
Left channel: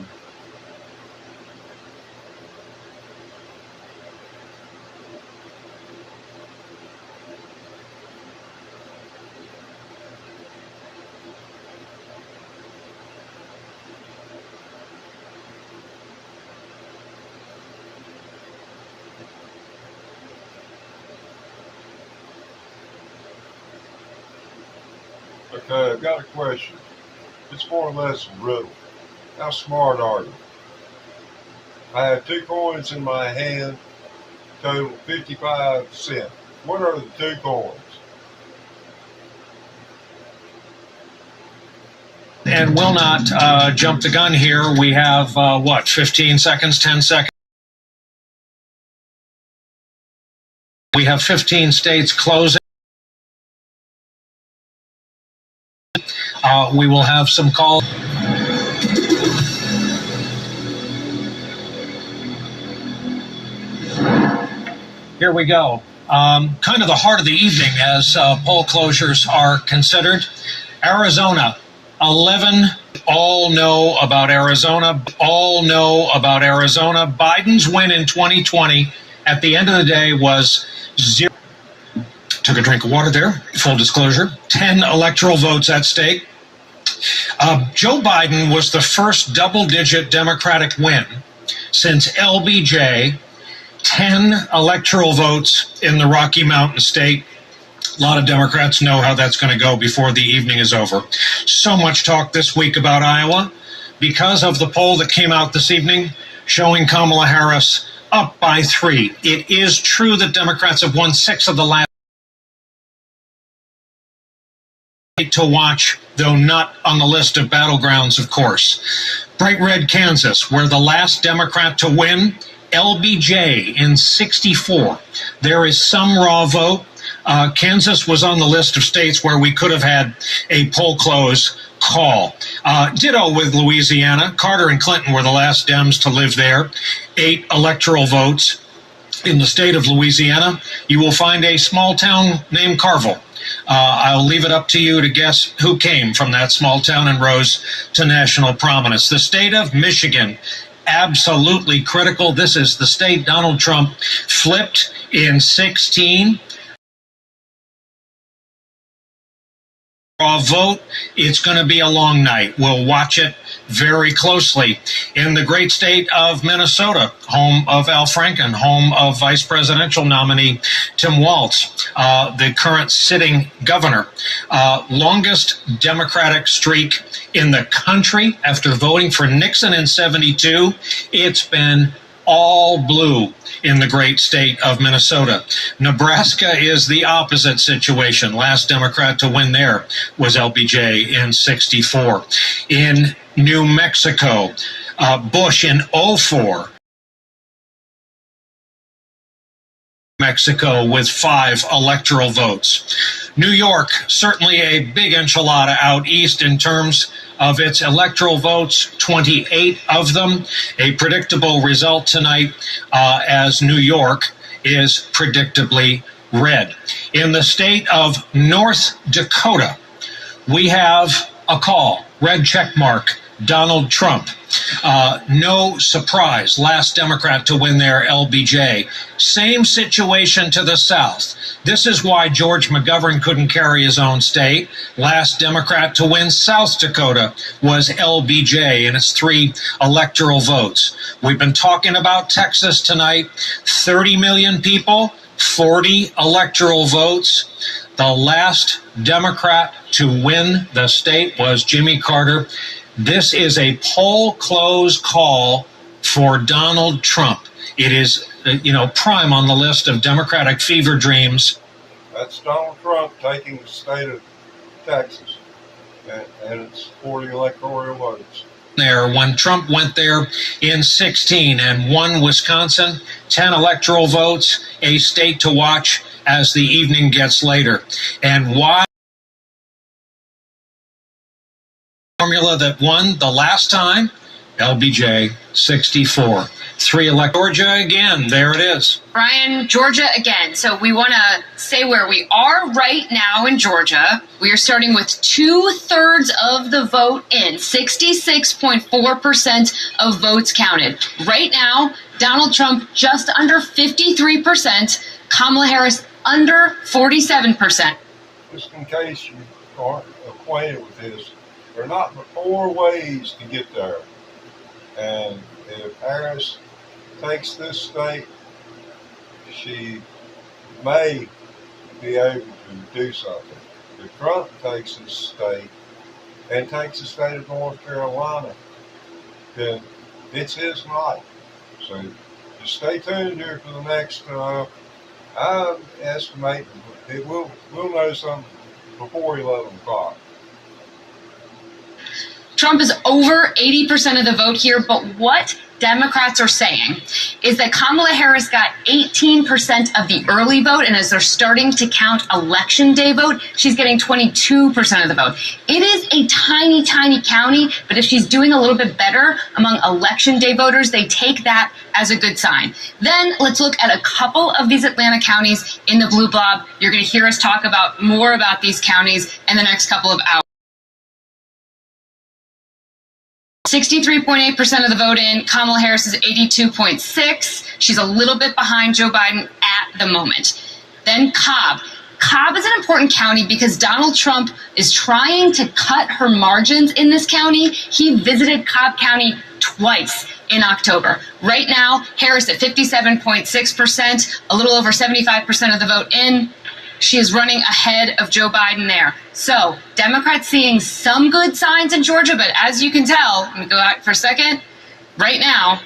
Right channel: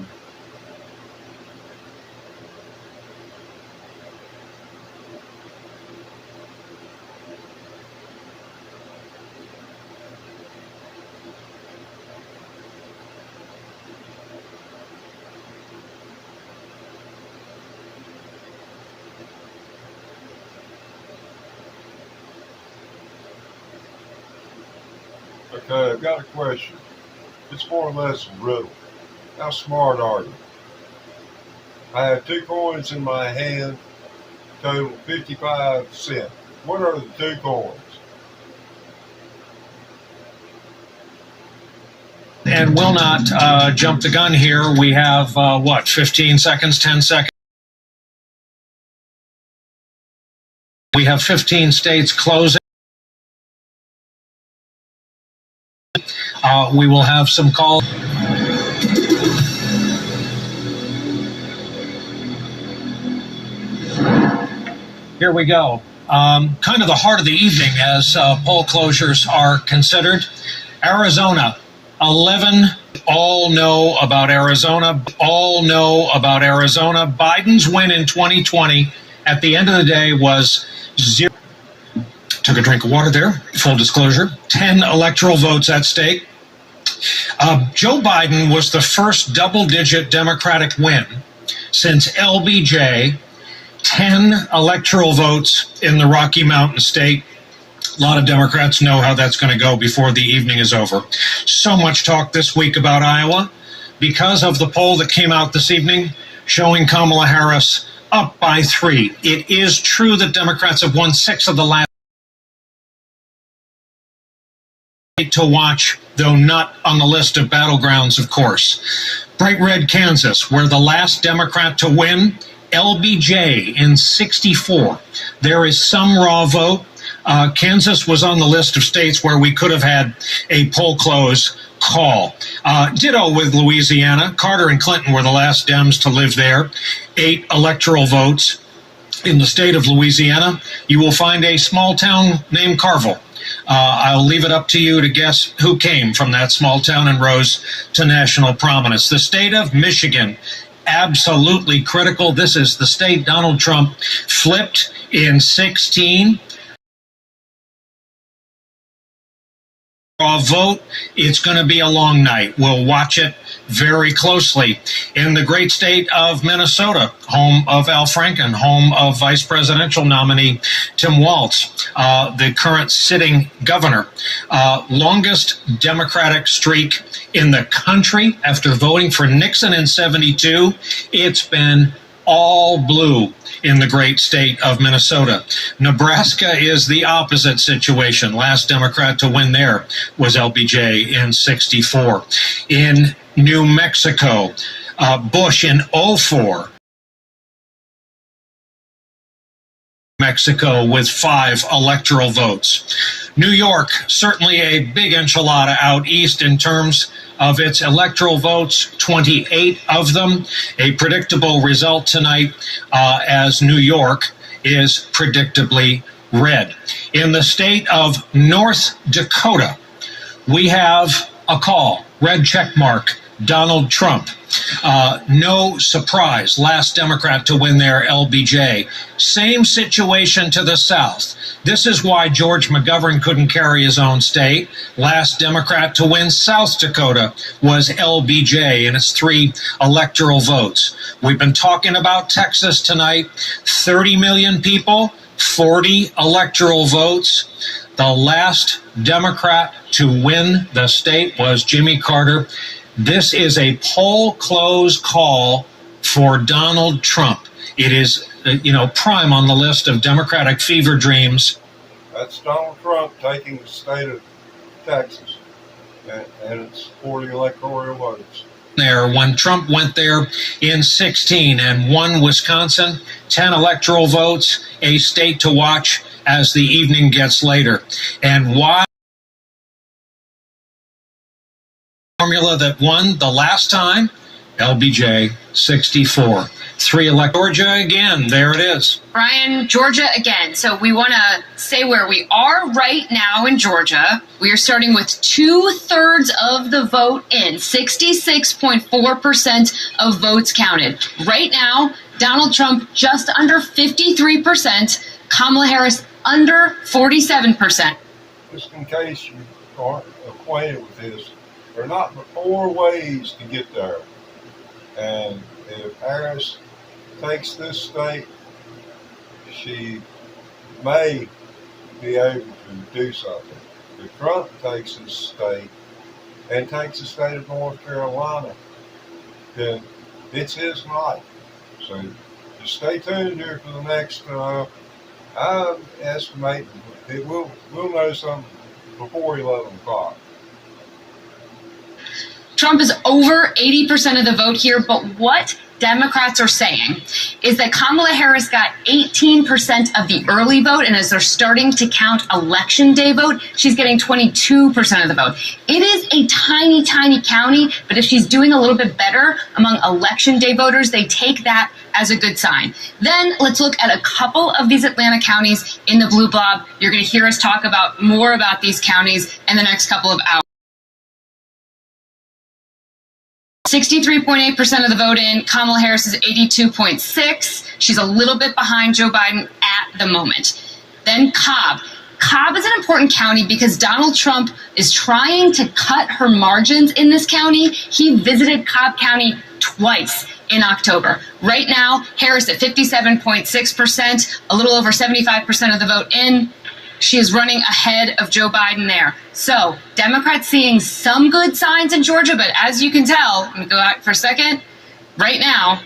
Okay, I've got a question. It's more or less a riddle. How smart are you? I have 2 coins in my hand, total 55 cents. What are the 2 coins? And we'll not jump the gun here. We have, 15 seconds, 10 seconds? We have 15 states closing. We will have some calls. Here we go. Kind of the heart of the evening as poll closures are considered. Arizona, 11 all know about Arizona. All know about Arizona. Biden's win in 2020 at the end of the day was 0. Took a drink of water there. Full disclosure. 10 electoral votes at stake. Joe Biden was the first double-digit Democratic win since LBJ. 10 electoral votes in the Rocky Mountain state. A lot of Democrats know how that's going to go before the evening is over. So much talk this week about Iowa because of the poll that came out this evening showing Kamala Harris up by 3. It is true that Democrats have won 6 of the last to watch, though not on the list of battlegrounds, of course. Bright red Kansas, where the last Democrat to win, LBJ in 64. There is some raw vote. Kansas was on the list of states where we could have had a poll close call. Ditto with Louisiana. Carter and Clinton were the last Dems to live there. 8 electoral votes. In the state of Louisiana, you will find a small town named Carville. I'll leave it up to you to guess who came from that small town and rose to national prominence. The state of Michigan, absolutely critical. This is the state Donald Trump flipped in 16. Vote. It's going to be a long night. We'll watch it very closely. In the great state of Minnesota, home of Al Franken, home of vice presidential nominee Tim Walz, the current sitting governor, longest Democratic streak in the country after voting for Nixon in 72. It's been all blue in the great state of Minnesota. Nebraska is the opposite situation. Last Democrat to win there was LBJ in 64. In New Mexico, Bush in 04. Mexico with 5 electoral votes. New York, certainly a big enchilada out east in terms of its electoral votes, 28 of them. A predictable result tonight as New York is predictably red. In the state of North Dakota, we have a call, red check mark, Donald Trump. No surprise, last Democrat to win there, LBJ. Same situation to the south. This is why George McGovern couldn't carry his own state. Last Democrat to win South Dakota was LBJ and its 3 electoral votes. We've been talking about Texas tonight. 30 million people, 40 electoral votes. The last Democrat to win the state was Jimmy Carter. This is a poll close call for Donald Trump. It is, prime on the list of Democratic fever dreams. That's Donald Trump taking the state of Texas and its 40 electoral votes. There, when Trump went there in 16 and won Wisconsin, 10 electoral votes, a state to watch as the evening gets later. And why? Formula that won the last time, LBJ 64. 3 Georgia again. There it is. Brian, Georgia again. So we want to say where we are right now in Georgia. We are starting with 2/3 of the vote in, 66.4% of votes counted. Right now, Donald Trump just under 53%, Kamala Harris under 47%. Just in case you aren't acquainted with this, there are not but 4 ways to get there. And if Harris takes this state, she may be able to do something. If Trump takes this state and takes the state of North Carolina, then it's his night. So just stay tuned here for the next, I'm estimating we'll know something before 11 o'clock. Trump is over 80% of the vote here, but what Democrats are saying is that Kamala Harris got 18% of the early vote, and as they're starting to count election day vote, she's getting 22% of the vote. It is a tiny, tiny county, but if she's doing a little bit better among election day voters, they take that as a good sign. Then let's look at a couple of these Atlanta counties in the blue blob. You're going to hear us talk about more about these counties in the next couple of hours. 63.8% of the vote in. Kamala Harris is 82.6. She's a little bit behind Joe Biden at the moment. Then Cobb. Cobb is an important county because Donald Trump is trying to cut her margins in this county. He visited Cobb County twice in October. Right now, Harris at 57.6%, a little over 75% of the vote in. She is running ahead of Joe Biden there. So, Democrats seeing some good signs in Georgia, but as you can tell, let me go back for a second. Right now,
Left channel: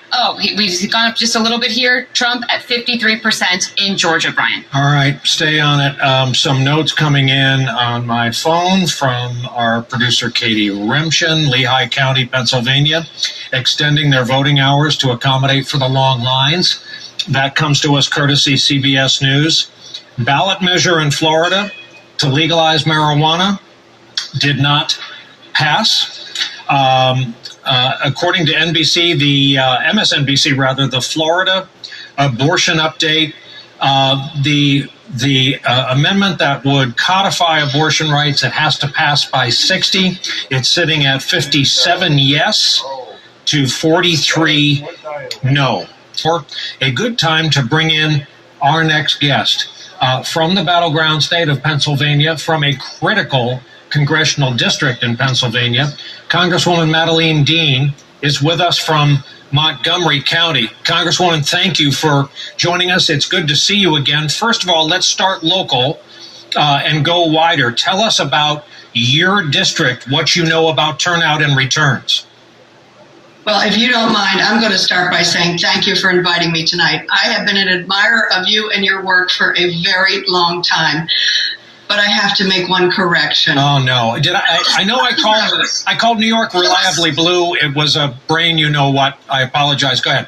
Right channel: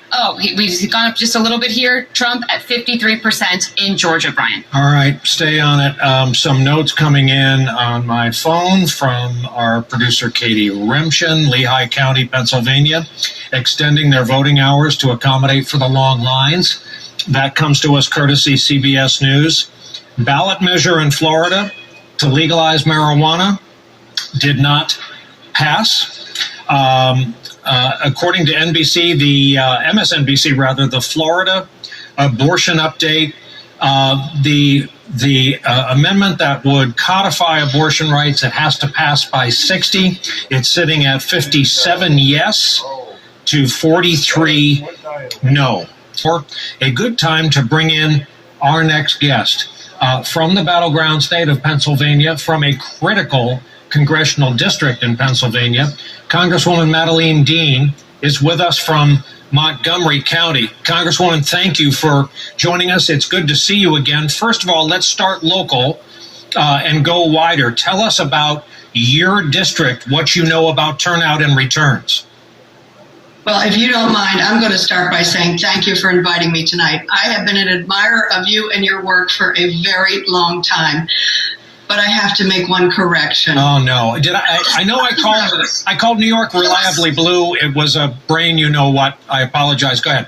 we've gone up just a little bit here. Trump at 53% in Georgia, Brian. All right, stay on it. Some notes coming in on my phone from our producer, Katie Remshin, Lehigh County, Pennsylvania, extending their voting hours to accommodate for the long lines. That comes to us courtesy CBS News. Ballot measure in Florida to legalize marijuana did not pass. According to NBC, MSNBC rather, the Florida abortion update, the amendment that would codify abortion rights, it has to pass by 60. It's sitting at 57 yes to 43 no. For a good time to bring in our next guest from the battleground state of Pennsylvania, from a critical congressional district in Pennsylvania. Congresswoman Madeleine Dean is with us from Montgomery County. Congresswoman, thank you for joining us. It's good to see you again. First of all, let's start local and go wider. Tell us about your district, what you know about turnout and returns. Well, if you don't mind, I'm going to start by saying thank you for inviting me tonight. I have been an admirer of you and your work for a very long time. But I have to make one correction. Oh, no. I know I called New York reliably blue. It was a brain you-know-what. I apologize. Go ahead.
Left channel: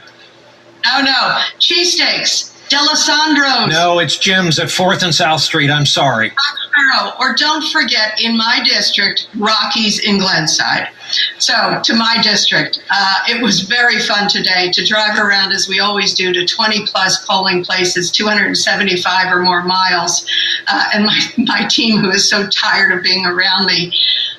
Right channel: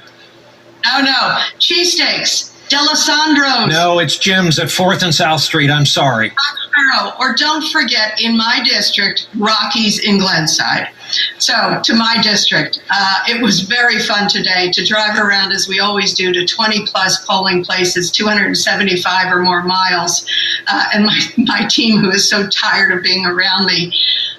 No. Cheesesteaks. D'Alessandro's. No, it's Jim's at 4th and South Street. I'm sorry. Shapiro. Or don't forget, in my district, Rockies in Glenside. So, to my district, it was very fun today to drive around, as we always do, to 20-plus polling places, 275 or more miles, and my team, who is so tired of being around me.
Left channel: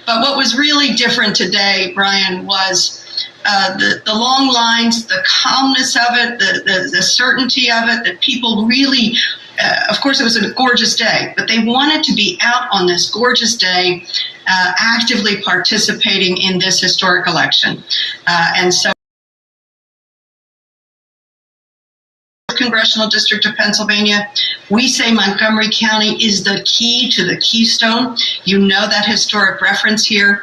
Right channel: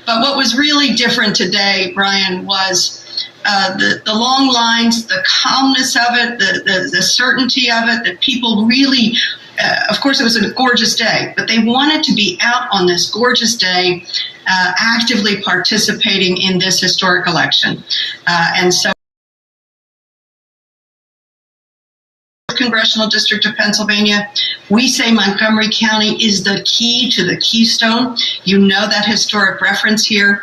But what was really different today, Brian, was the long lines, the calmness of it, the certainty of it, that people really, of course, it was a gorgeous day, but they wanted to be out on this gorgeous day, actively participating in this historic election. And so Congressional District of Pennsylvania, we say Montgomery County is the key to the keystone. You know that historic reference here.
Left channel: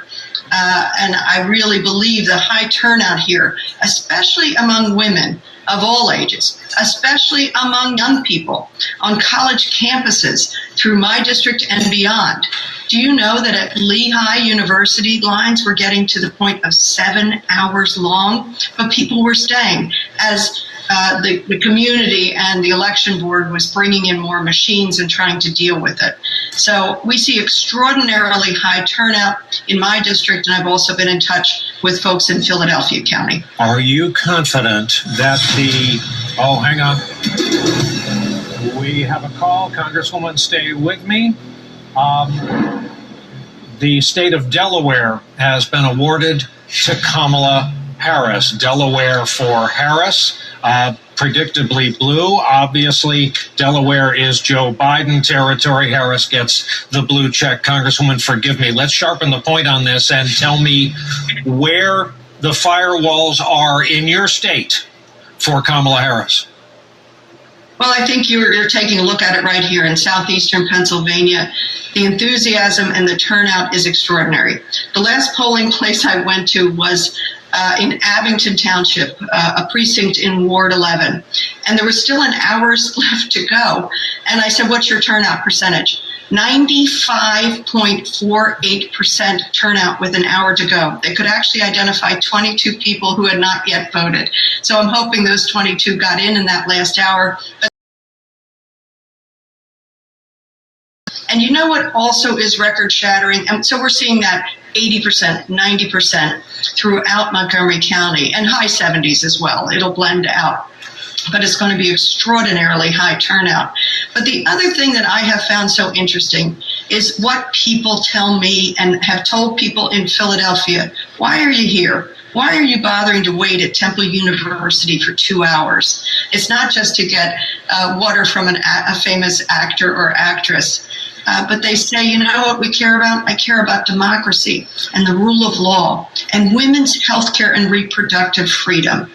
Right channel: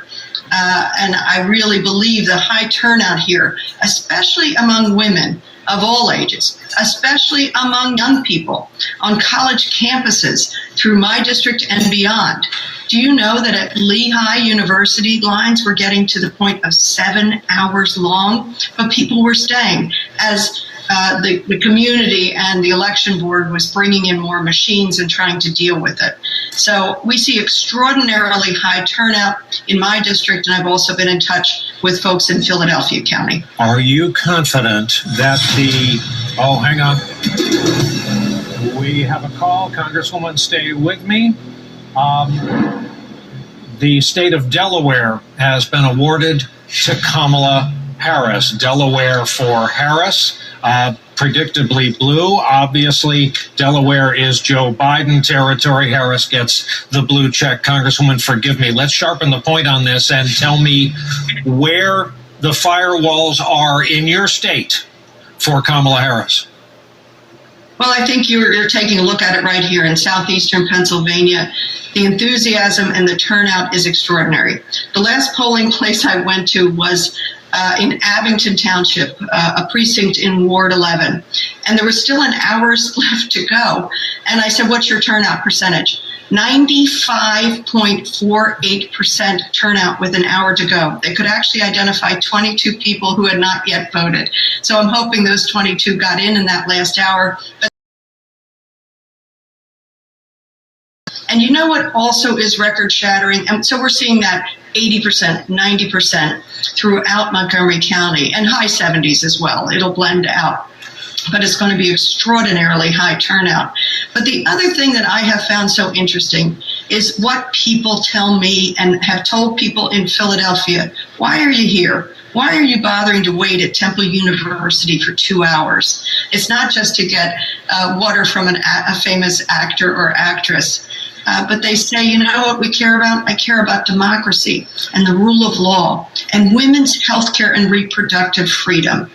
And I really believe the high turnout here, especially among women of all ages, especially among young people on college campuses through my district and beyond. Do you know that at Lehigh University, lines were getting to the point of 7 hours long, but people were staying as the community and the election board was bringing in more machines and trying to deal with it. So we see extraordinarily high turnout in my district, and I've also been in touch with folks in Philadelphia County. Are you confident that oh, hang on. We have a call. Congresswoman, stay with me. The state of Delaware has been awarded to Kamala Harris. Delaware for Harris. Predictably blue. Obviously, Delaware is Joe Biden territory. Harris gets the blue check. Congresswoman, forgive me. Let's sharpen the point on this and tell me where the firewalls are in your state for Kamala Harris. Well, I think you're taking a look at it right here in southeastern Pennsylvania. The enthusiasm and the turnout is extraordinary. The last polling place I went to was in Abington Township, a precinct in Ward 11. And there was still an hour's left to go. And I said, what's your turnout percentage? 95.48% turnout with an hour to go. They could actually identify 22 people who had not yet voted. So I'm hoping those 22 got in that last hour. And you know what also is record-shattering? And so we're seeing that 80%, 90% throughout Montgomery County, and high 70s as well. It'll blend out. But it's going to be extraordinarily high turnout. But the other thing that I have found so interesting is what people tell me and have told people in Philadelphia. Why are you here? Why are you bothering to wait at Temple University for 2 hours? It's not just to get water from a famous actor or actress. But they say, you know what we care about? I care about democracy and the rule of law and women's health care and reproductive freedom.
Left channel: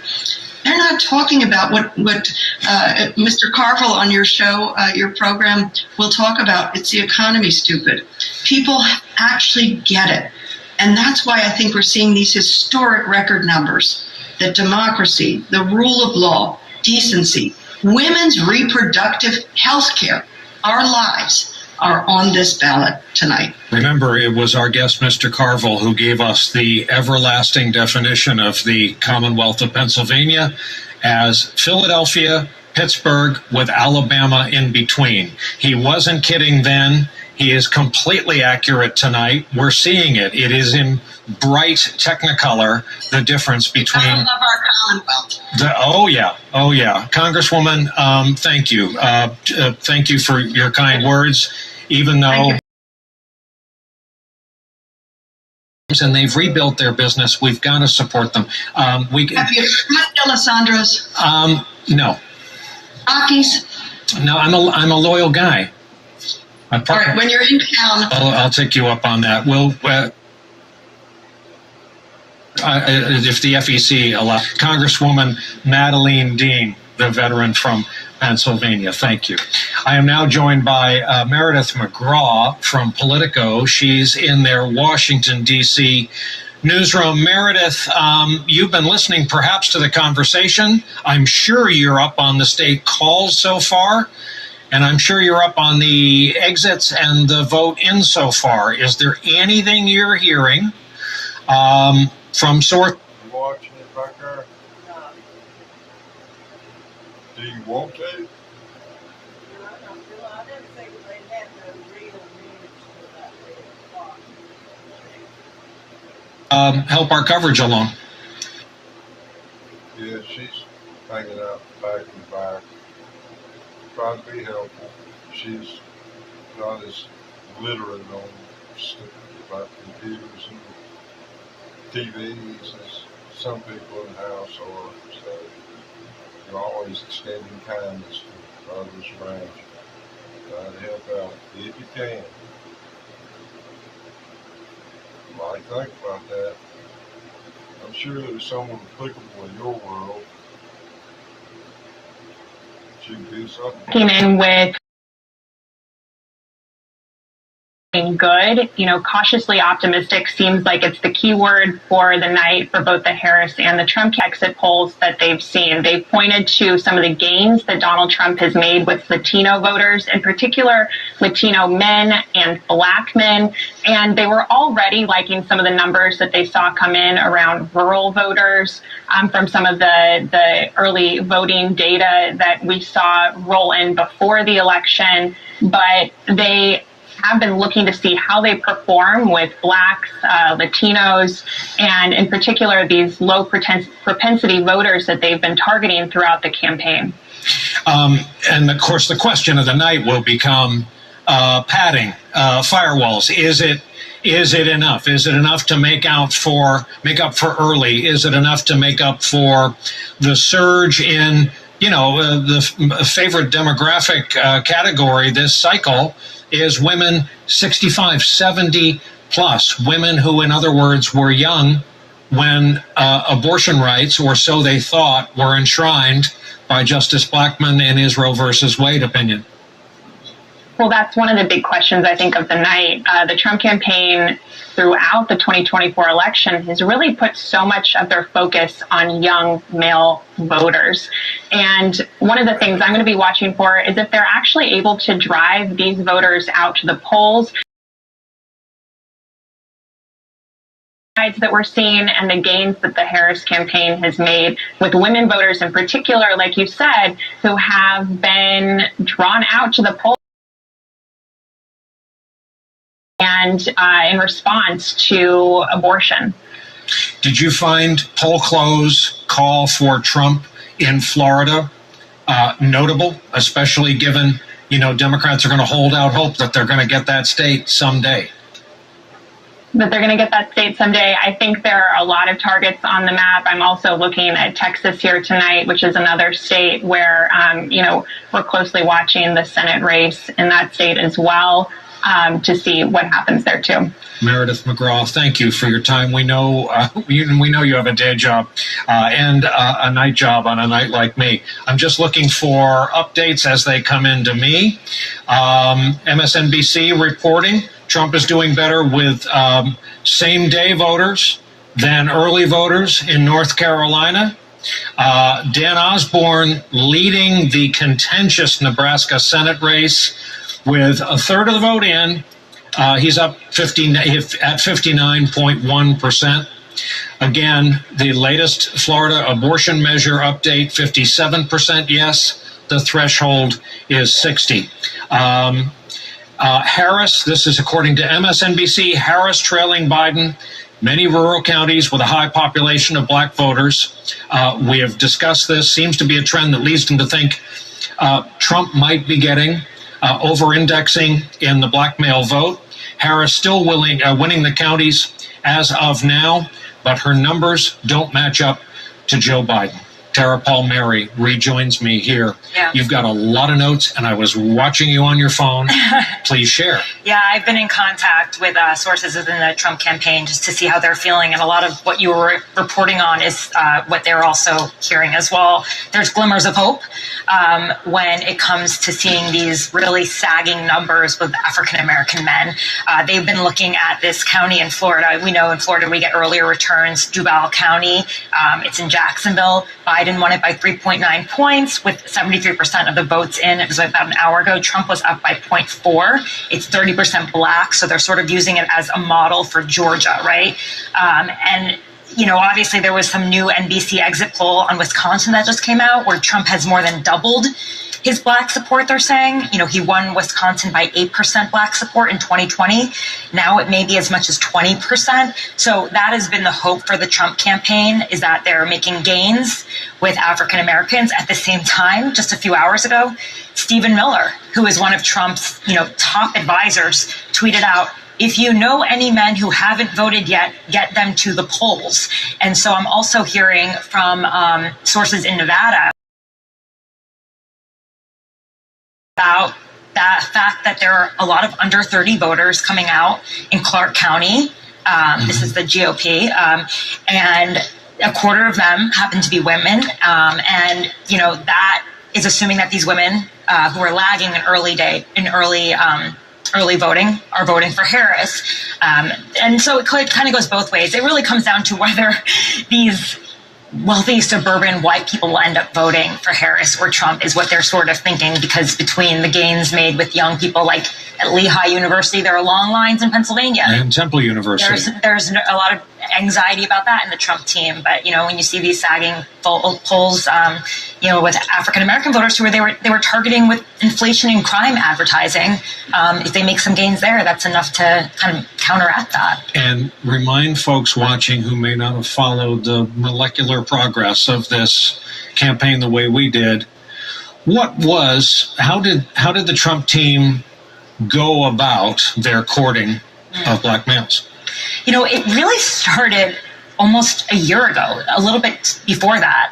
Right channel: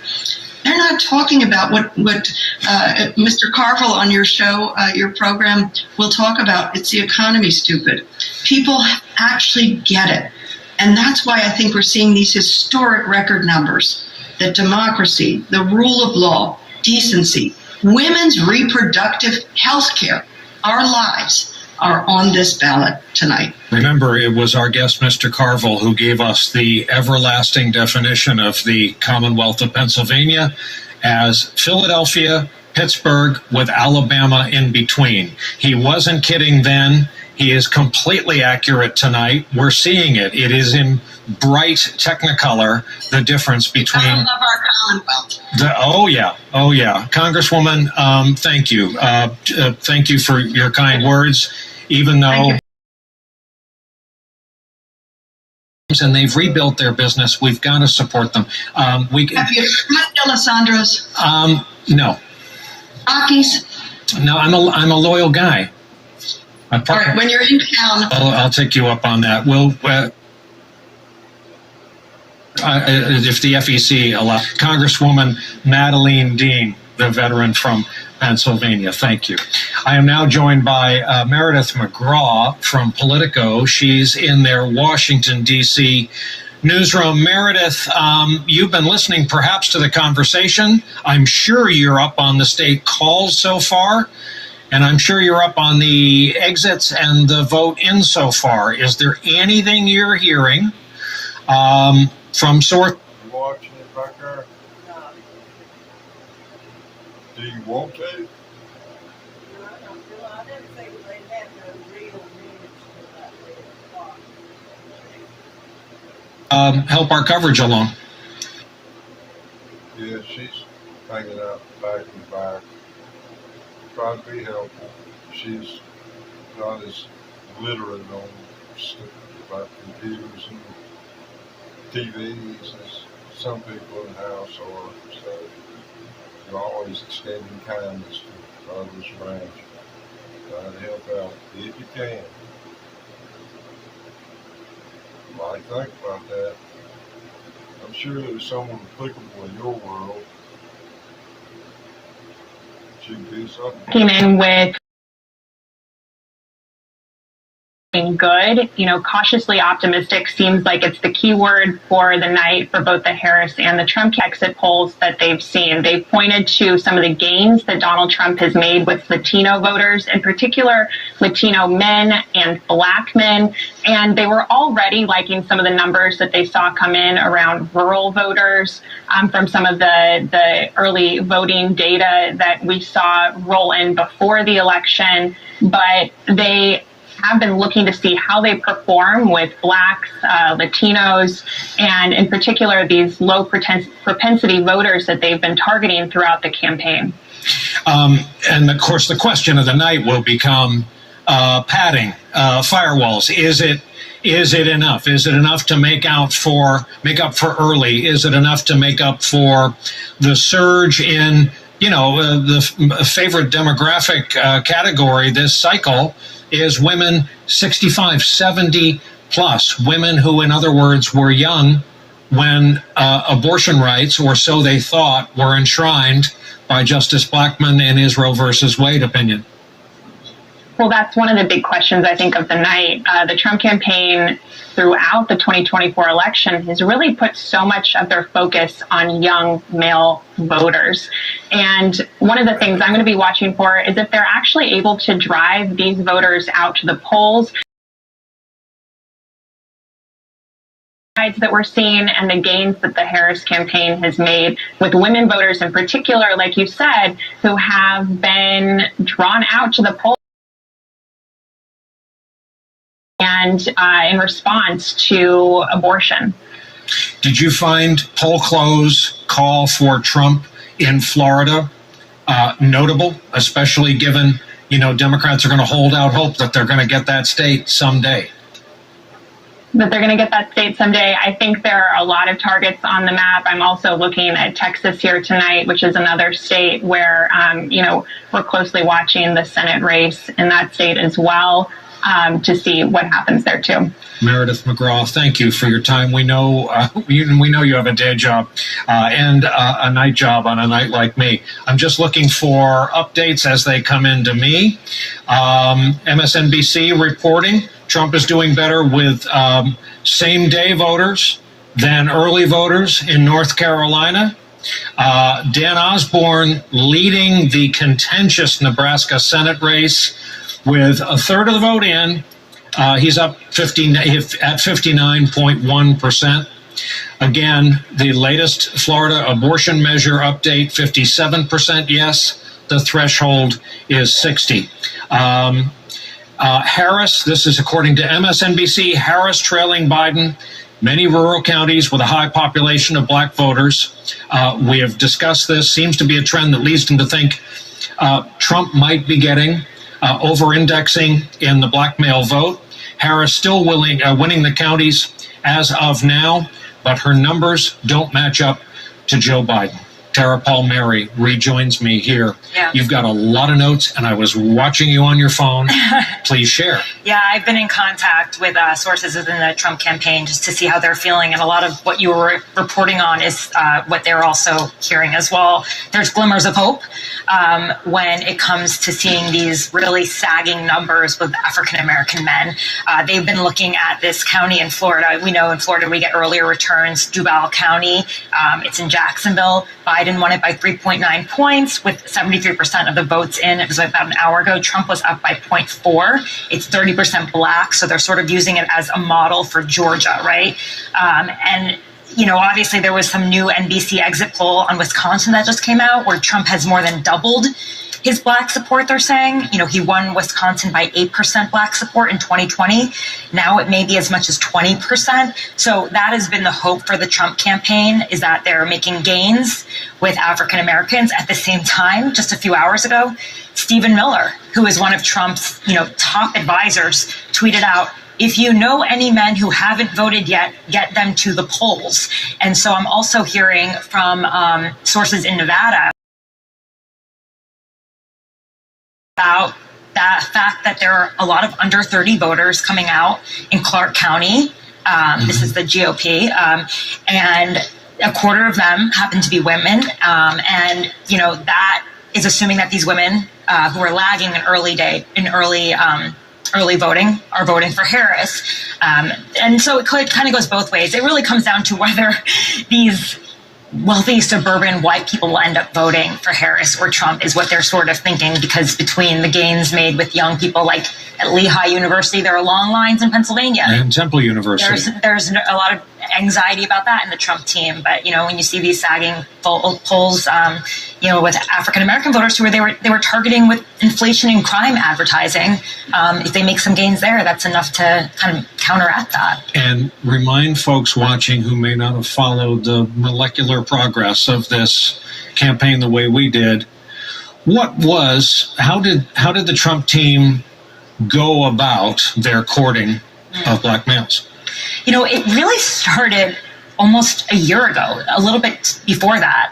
They're not talking about what Mr. Carville on your show, your program, will talk about. It's the economy, stupid. People actually get it. And that's why I think we're seeing these historic record numbers, that democracy, the rule of law, decency, women's reproductive health care, our lives, are on this ballot tonight. Remember, it was our guest, Mr. Carville, who gave us the everlasting definition of the Commonwealth of Pennsylvania as Philadelphia, Pittsburgh, with Alabama in between. He wasn't kidding then. He is completely accurate tonight. We're seeing it. It is in bright Technicolor, the difference between... I love our Commonwealth. Oh, yeah. Congresswoman, thank you. Thank you for your kind words, even though... And they've rebuilt their business. We've got to support them. Have you met Alessandro's? No. Aki's? No, I'm a loyal guy. All right, when you're in town... I'll take you up on that. If the FEC allows. Congresswoman Madeleine Dean, the veteran from Pennsylvania. Thank you. I am now joined by Meredith McGraw from Politico. She's in their Washington, D.C. newsroom. Meredith, you've been listening perhaps to the conversation. I'm sure you're up on the state calls so far, and I'm sure you're up on the exits and the vote in so far. Is there anything you're hearing from source? You watching it back there? Do you want to? Help our coverage along. Yeah, she's hanging out back and back. Trying to be helpful. She's not as literate on stuff about computers and TVs as some people in the house are. So you're always extending kindness to others around you. Try to help out if you can. Why think about that? I'm sure there's someone applicable in your world. Should do something. Came in with good, cautiously optimistic seems like it's the key word for the night for both the Harris and the Trump exit polls that they've seen. They've pointed to some of the gains that Donald Trump has made with Latino voters, in particular Latino men and black men, and they were already liking some of the numbers that they saw come in around rural voters from some of the early voting data that we saw roll in before the election, but they have been looking to see how they perform with blacks, Latinos, and in particular these low propensity voters that they've been targeting throughout the campaign. And of course, the question of the night will become padding, firewalls. Is it enough? Is it enough to make up for early? Is it enough to make up for the surge in the favorite demographic category this cycle? Is women 65, 70 plus, women who, in other words, were young when abortion rights, or so they thought, were enshrined by Justice Blackmun in his Roe versus Wade opinion. Well, that's one of the big questions, I think, of the night. The Trump campaign throughout the 2024 election has really put so much of their focus on young male voters. And one of the things I'm going to be watching for is if they're actually able to drive these voters out to the polls. That we're seeing and the gains that the Harris campaign has made with women voters in particular, like you said, who have been drawn out to the polls. And in response to abortion. Did you find poll close call for Trump in Florida notable, especially given, Democrats are going to hold out hope that they're going to get that state someday? that they're going to get that state someday. I think there are a lot of targets on the map. I'm also looking at Texas here tonight, which is another state where, we're closely watching the Senate race in that state as well, to see what happens there too. Meredith McGraw, thank you for your time. We know you have a day job and a night job on a night like me. I'm just looking for updates as they come into me. MSNBC reporting Trump is doing better with same-day voters than early voters in North Carolina. Dan Osborne leading the contentious Nebraska Senate race with a third of the vote in. He's up at 59.1%. Again, the latest Florida abortion measure update, 57% yes. The threshold is 60. Harris, this is according to MSNBC, Harris trailing Biden, many rural counties with a high population of black voters. We have discussed this. Seems to be a trend that leads them to think Trump might be getting over-indexing in the black male vote. Harris still winning the counties as of now, but her numbers don't match up to Joe Biden. Tara Palmieri rejoins me here. Yeah. You've got a lot of notes, and I was watching you on your phone. Please share. Yeah, I've been in contact with sources within the Trump campaign just to see how they're feeling, and a lot of what you were reporting on is what they're also hearing as well. There's glimmers of hope when it comes to seeing these really sagging numbers with African-American men. They've been looking at this county in Florida. We know in Florida we get earlier returns. Duval County, it's in Jacksonville. Biden won it by 3.9 points with 73% of the votes in. It was about an hour ago. Trump was up by 0.4. It's 30% black, so they're sort of using it as a model for Georgia, right? Obviously there was some new NBC exit poll on Wisconsin that just came out where Trump has more than doubled his black support, they're saying. He won Wisconsin by 8% black support in 2020. Now it may be as much as 20%. So that has been the hope for the Trump campaign, is that they're making gains with African Americans. At the same time, just a few hours ago, Stephen Miller, who is one of Trump's, top advisors, tweeted out, "If you know any men who haven't voted yet, get them to the polls." And so I'm also hearing from sources in Nevada about the fact that there are a lot of under 30 voters coming out in Clark County. This is the GOP. And a quarter of them happen to be women. That is assuming that these women who are lagging in early voting are voting for Harris. And so it kind of goes both ways. It really comes down to whether these wealthy suburban white people will end up voting for Harris or Trump is what they're sort of thinking, because between the gains made with young people like at Lehigh University, there are long lines in Pennsylvania. And Temple University. There's a lot of anxiety about that in the Trump team. But, when you see these sagging polls, with African-American voters who they were targeting with inflation and crime advertising, if they make some gains there, that's enough to kind of counteract that. And remind folks watching who may not have followed the molecular progress of this campaign the way we did, how did the Trump team go about their courting of black males? It really started almost a year ago, a little bit before that.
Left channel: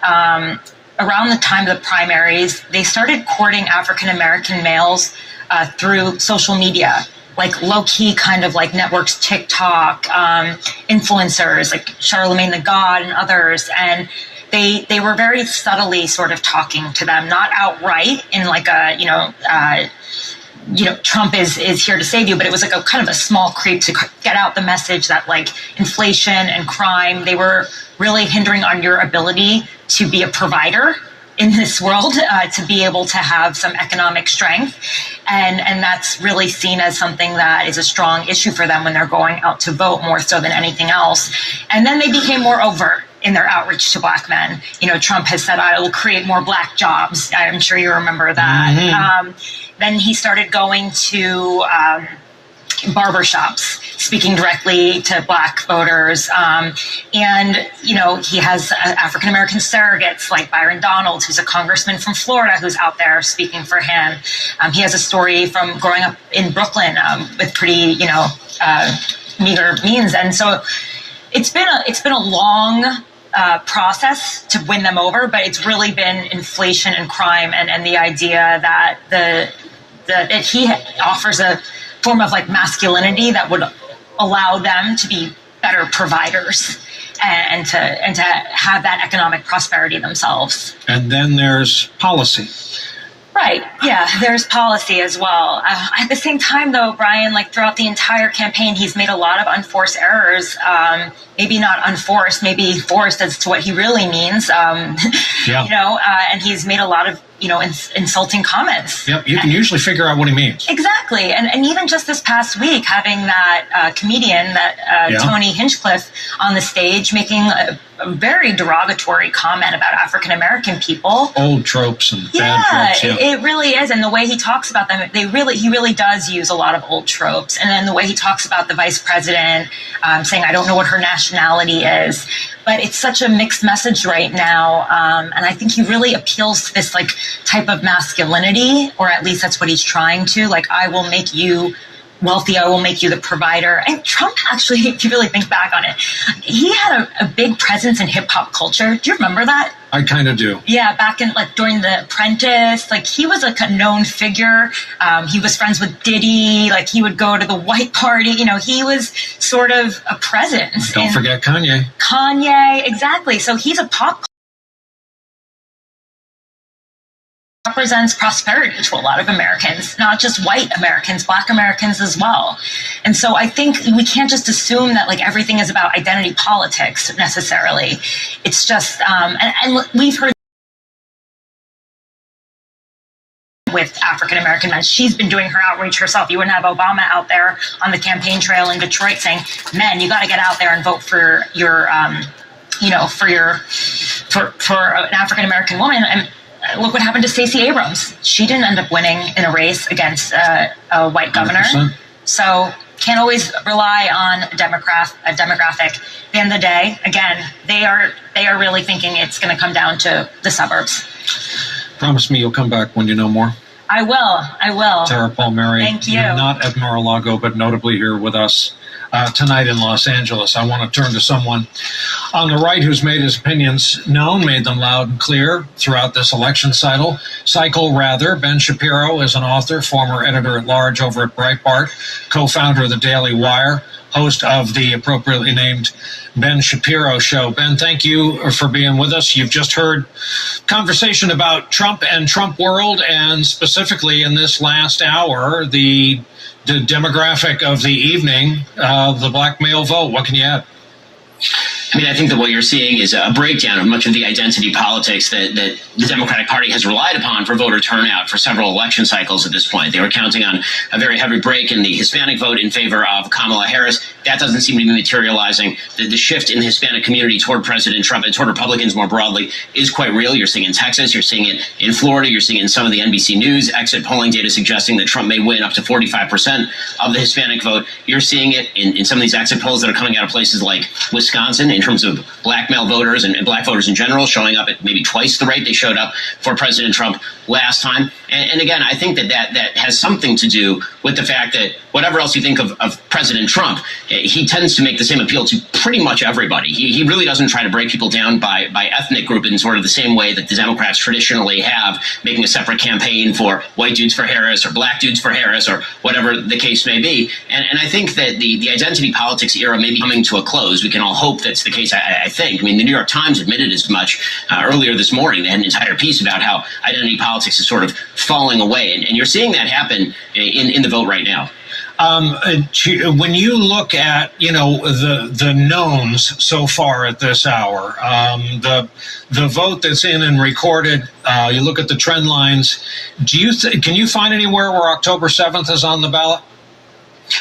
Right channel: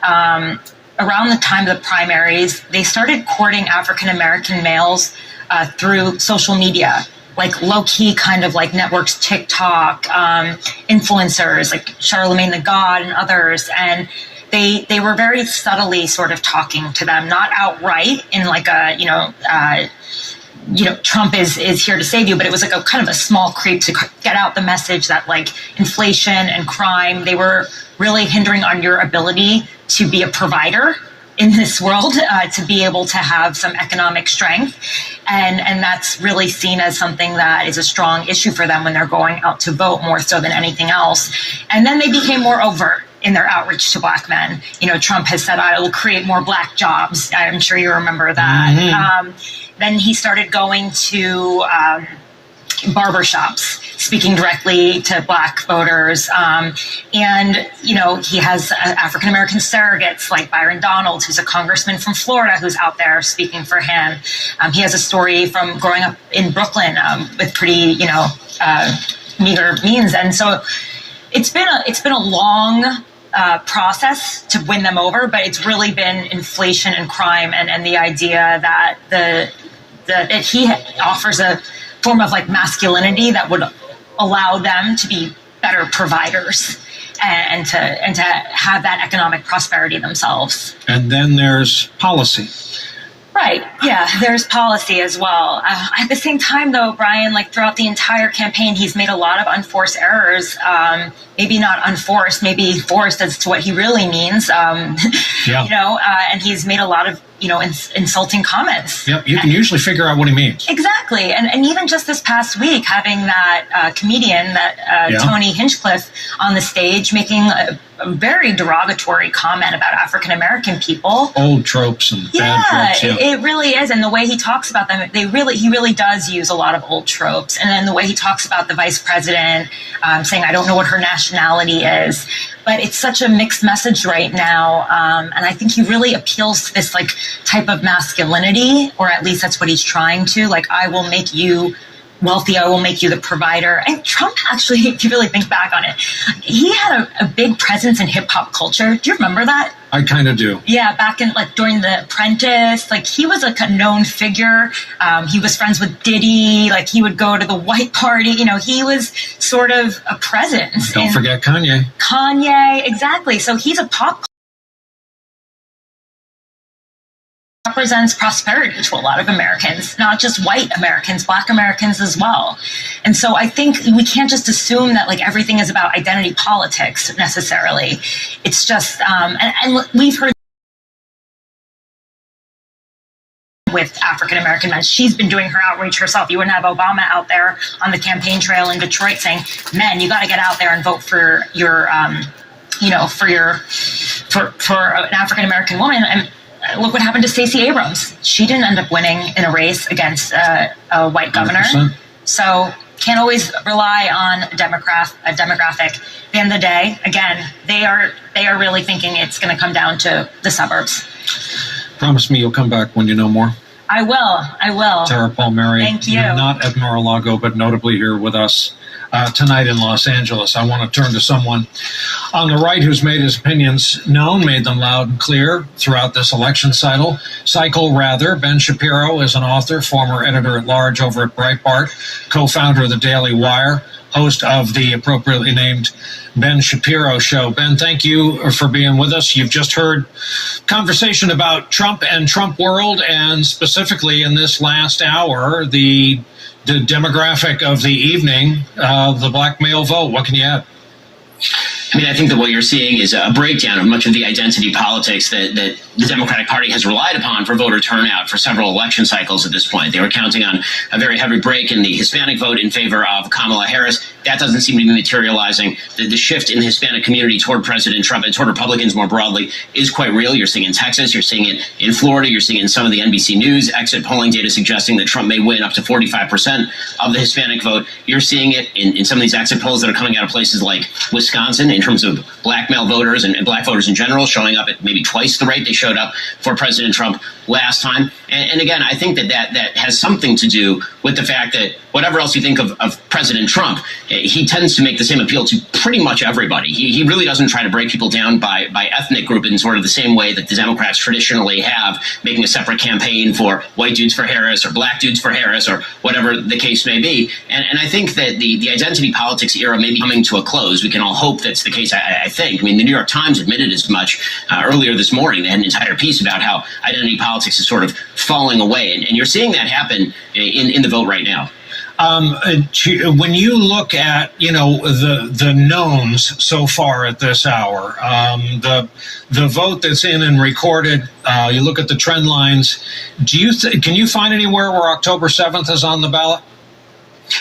Around the time of the primaries, they started courting African-American males through social media, like low-key kind of like networks, TikTok, influencers like Charlemagne the God and others. And they were very subtly sort of talking to them, not outright in like a, Trump is here to save you, but it was like a kind of a small creep to get out the message that like inflation and crime, they were really hindering on your ability to be a provider in this world, to be able to have some economic strength. And that's really seen as something that is a strong issue for them when they're going out to vote, more so than anything else. And then they became more overt in their outreach to black men. Trump has said, I will create more black jobs. I'm sure you remember that. Mm-hmm. Then he started going to barbershops, speaking directly to black voters. He has African-American surrogates like Byron Donald, who's a congressman from Florida, who's out there speaking for him. He has a story from growing up in Brooklyn with pretty, meager means. And so it's been a long process to win them over, but it's really been inflation and crime and the idea that that he offers a form of like masculinity that would allow them to be better providers and to have that economic prosperity themselves. And then there's policy. Right. Yeah, there's policy as well. At the same time, though, Brian, like throughout the entire campaign, he's made a lot of unforced errors. Maybe not unforced, maybe forced as to what he really means. You know, and he's made a lot of, you know, insulting comments. Yep, you can usually figure out what he means. Exactly. And even just this past week, having that comedian, Tony Hinchcliffe, on the stage making a very derogatory comment about African-American people. Old tropes and bad tropes. It really is. And the way he talks about them, he really does use a lot of old tropes. And then the way he talks about the vice president, saying, I don't know what her nationality is. But it's such a mixed message right now. And I think he really appeals to this like type of masculinity, or at least that's what he's trying to. Like, I will make you wealthy, I will make you the provider. And Trump actually, if you really think back on it, he had a big presence in hip hop culture. Do you remember that? I kind of do. Yeah, back in like during The Apprentice, like he was like a known figure. He was friends with Diddy. Like he would go to the white party. You know, he was sort of a presence. Don't forget Kanye. Kanye, exactly. So he's a pop. Represents prosperity to a lot of Americans, not just white Americans, Black Americans as well. And so I think we can't just assume that like everything is about identity politics necessarily. It's just, and we've heard with African-American men. She's been doing her outreach herself. You wouldn't have Obama out there on the campaign trail in Detroit saying, men, you got to get out there and vote for your, you know, for an African-American woman. And look what happened to Stacey Abrams. She didn't end up winning in a race against a white governor. 100%. So can't always rely on a demographic. At the end of the day, again, they are really thinking it's going to come down to the suburbs. Promise me you'll come back when you know more. I will. Tara Palmieri. Thank you. Not at Mar-a-Lago, but notably here with us tonight in Los Angeles. I want to turn to someone on the right who's made his opinions known, made them loud and clear throughout this election cycle. Ben Shapiro is an author, former editor-at-large over at Breitbart, co-founder of the Daily Wire, host of the appropriately named Ben Shapiro Show. Ben, thank you for being with us. You've just heard conversation about Trump and Trump world, and specifically in this last hour, the demographic of the evening, the black male vote. What can you add? I mean, I think that what you're seeing is a breakdown of much of the identity politics that the Democratic Party has relied upon for voter turnout for several election cycles at this point. They were counting on a very heavy break in the Hispanic vote in favor of Kamala Harris. That doesn't seem to be materializing. The shift in the Hispanic community toward President Trump and toward Republicans more broadly is quite real. You're seeing it in Texas. You're seeing it in Florida. You're seeing it in some of the NBC News exit polling data suggesting that Trump may win up to 45% of the Hispanic vote. You're seeing it in some of these exit polls that are coming out of places like Wisconsin in terms of black male voters and black voters in general showing up at maybe twice the rate they showed up for President Trump last time. And again, I think that has something to do with the fact that whatever else you think of President Trump, he tends to make the same appeal to pretty much everybody. He really doesn't try to break people down by ethnic group in sort of the same way that the Democrats traditionally have, making a separate campaign for white dudes for Harris or black dudes for Harris or whatever the case may be. And I think that the identity politics era may be coming to a close. We can all hope that's the case, I think. I mean, the New York Times admitted as much earlier this morning. They had an entire piece about how identity politics is sort of falling away. And you're seeing that happen in the vote right now. When you look at, the knowns so far at this hour, the vote that's in and recorded, you look at the trend lines, can you find anywhere where October 7th is on the ballot?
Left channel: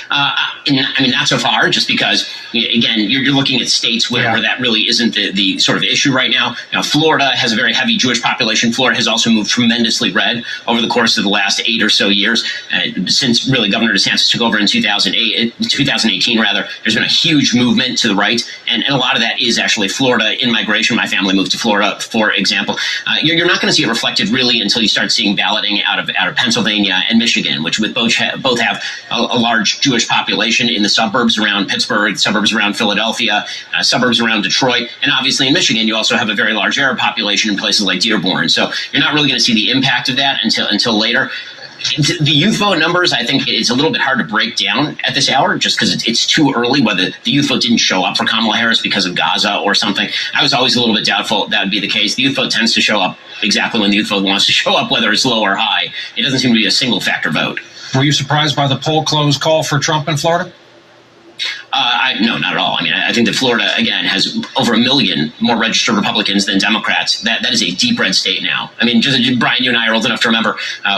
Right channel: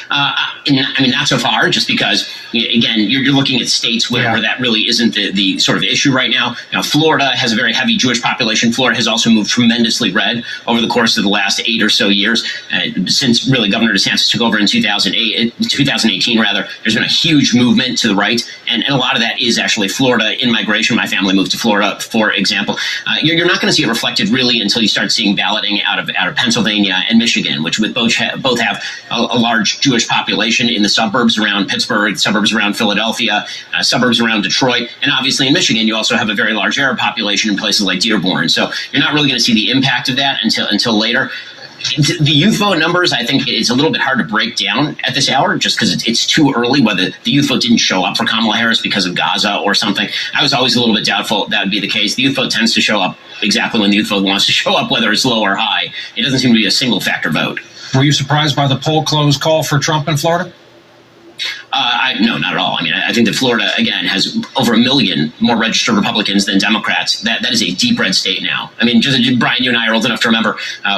I mean, not so far, just because, again, you're looking at states where that really isn't the sort of issue right now. Now, Florida has a very heavy Jewish population. Florida has also moved tremendously red over the course of the last 8 or so years. Since really Governor DeSantis took over in 2018, rather, there's been a huge movement to the right. And a lot of that is actually Florida in migration. My family moved to Florida, for example. You're not going to see it reflected really until you start seeing balloting out of Pennsylvania and Michigan, which both have a large Jewish population. population in the suburbs around Pittsburgh, suburbs around Philadelphia, suburbs around Detroit, and obviously in Michigan, you also have a very large Arab population in places like Dearborn. So you're not really going to see the impact of that until later. The youth vote numbers, I think it's a little bit hard to break down at this hour just because it's too early, whether the youth vote didn't show up for Kamala Harris because of Gaza or something. I was always a little bit doubtful that would be the case. The youth vote tends to show up exactly when the youth vote wants to show up, whether it's low or high. It doesn't seem to be a single factor vote. Were you surprised by the poll close call for Trump in Florida? No, not at all. I mean, I think that Florida, again, has over 1 million more registered Republicans than Democrats. That is a deep red state now. I mean, Brian, you and I are old enough to remember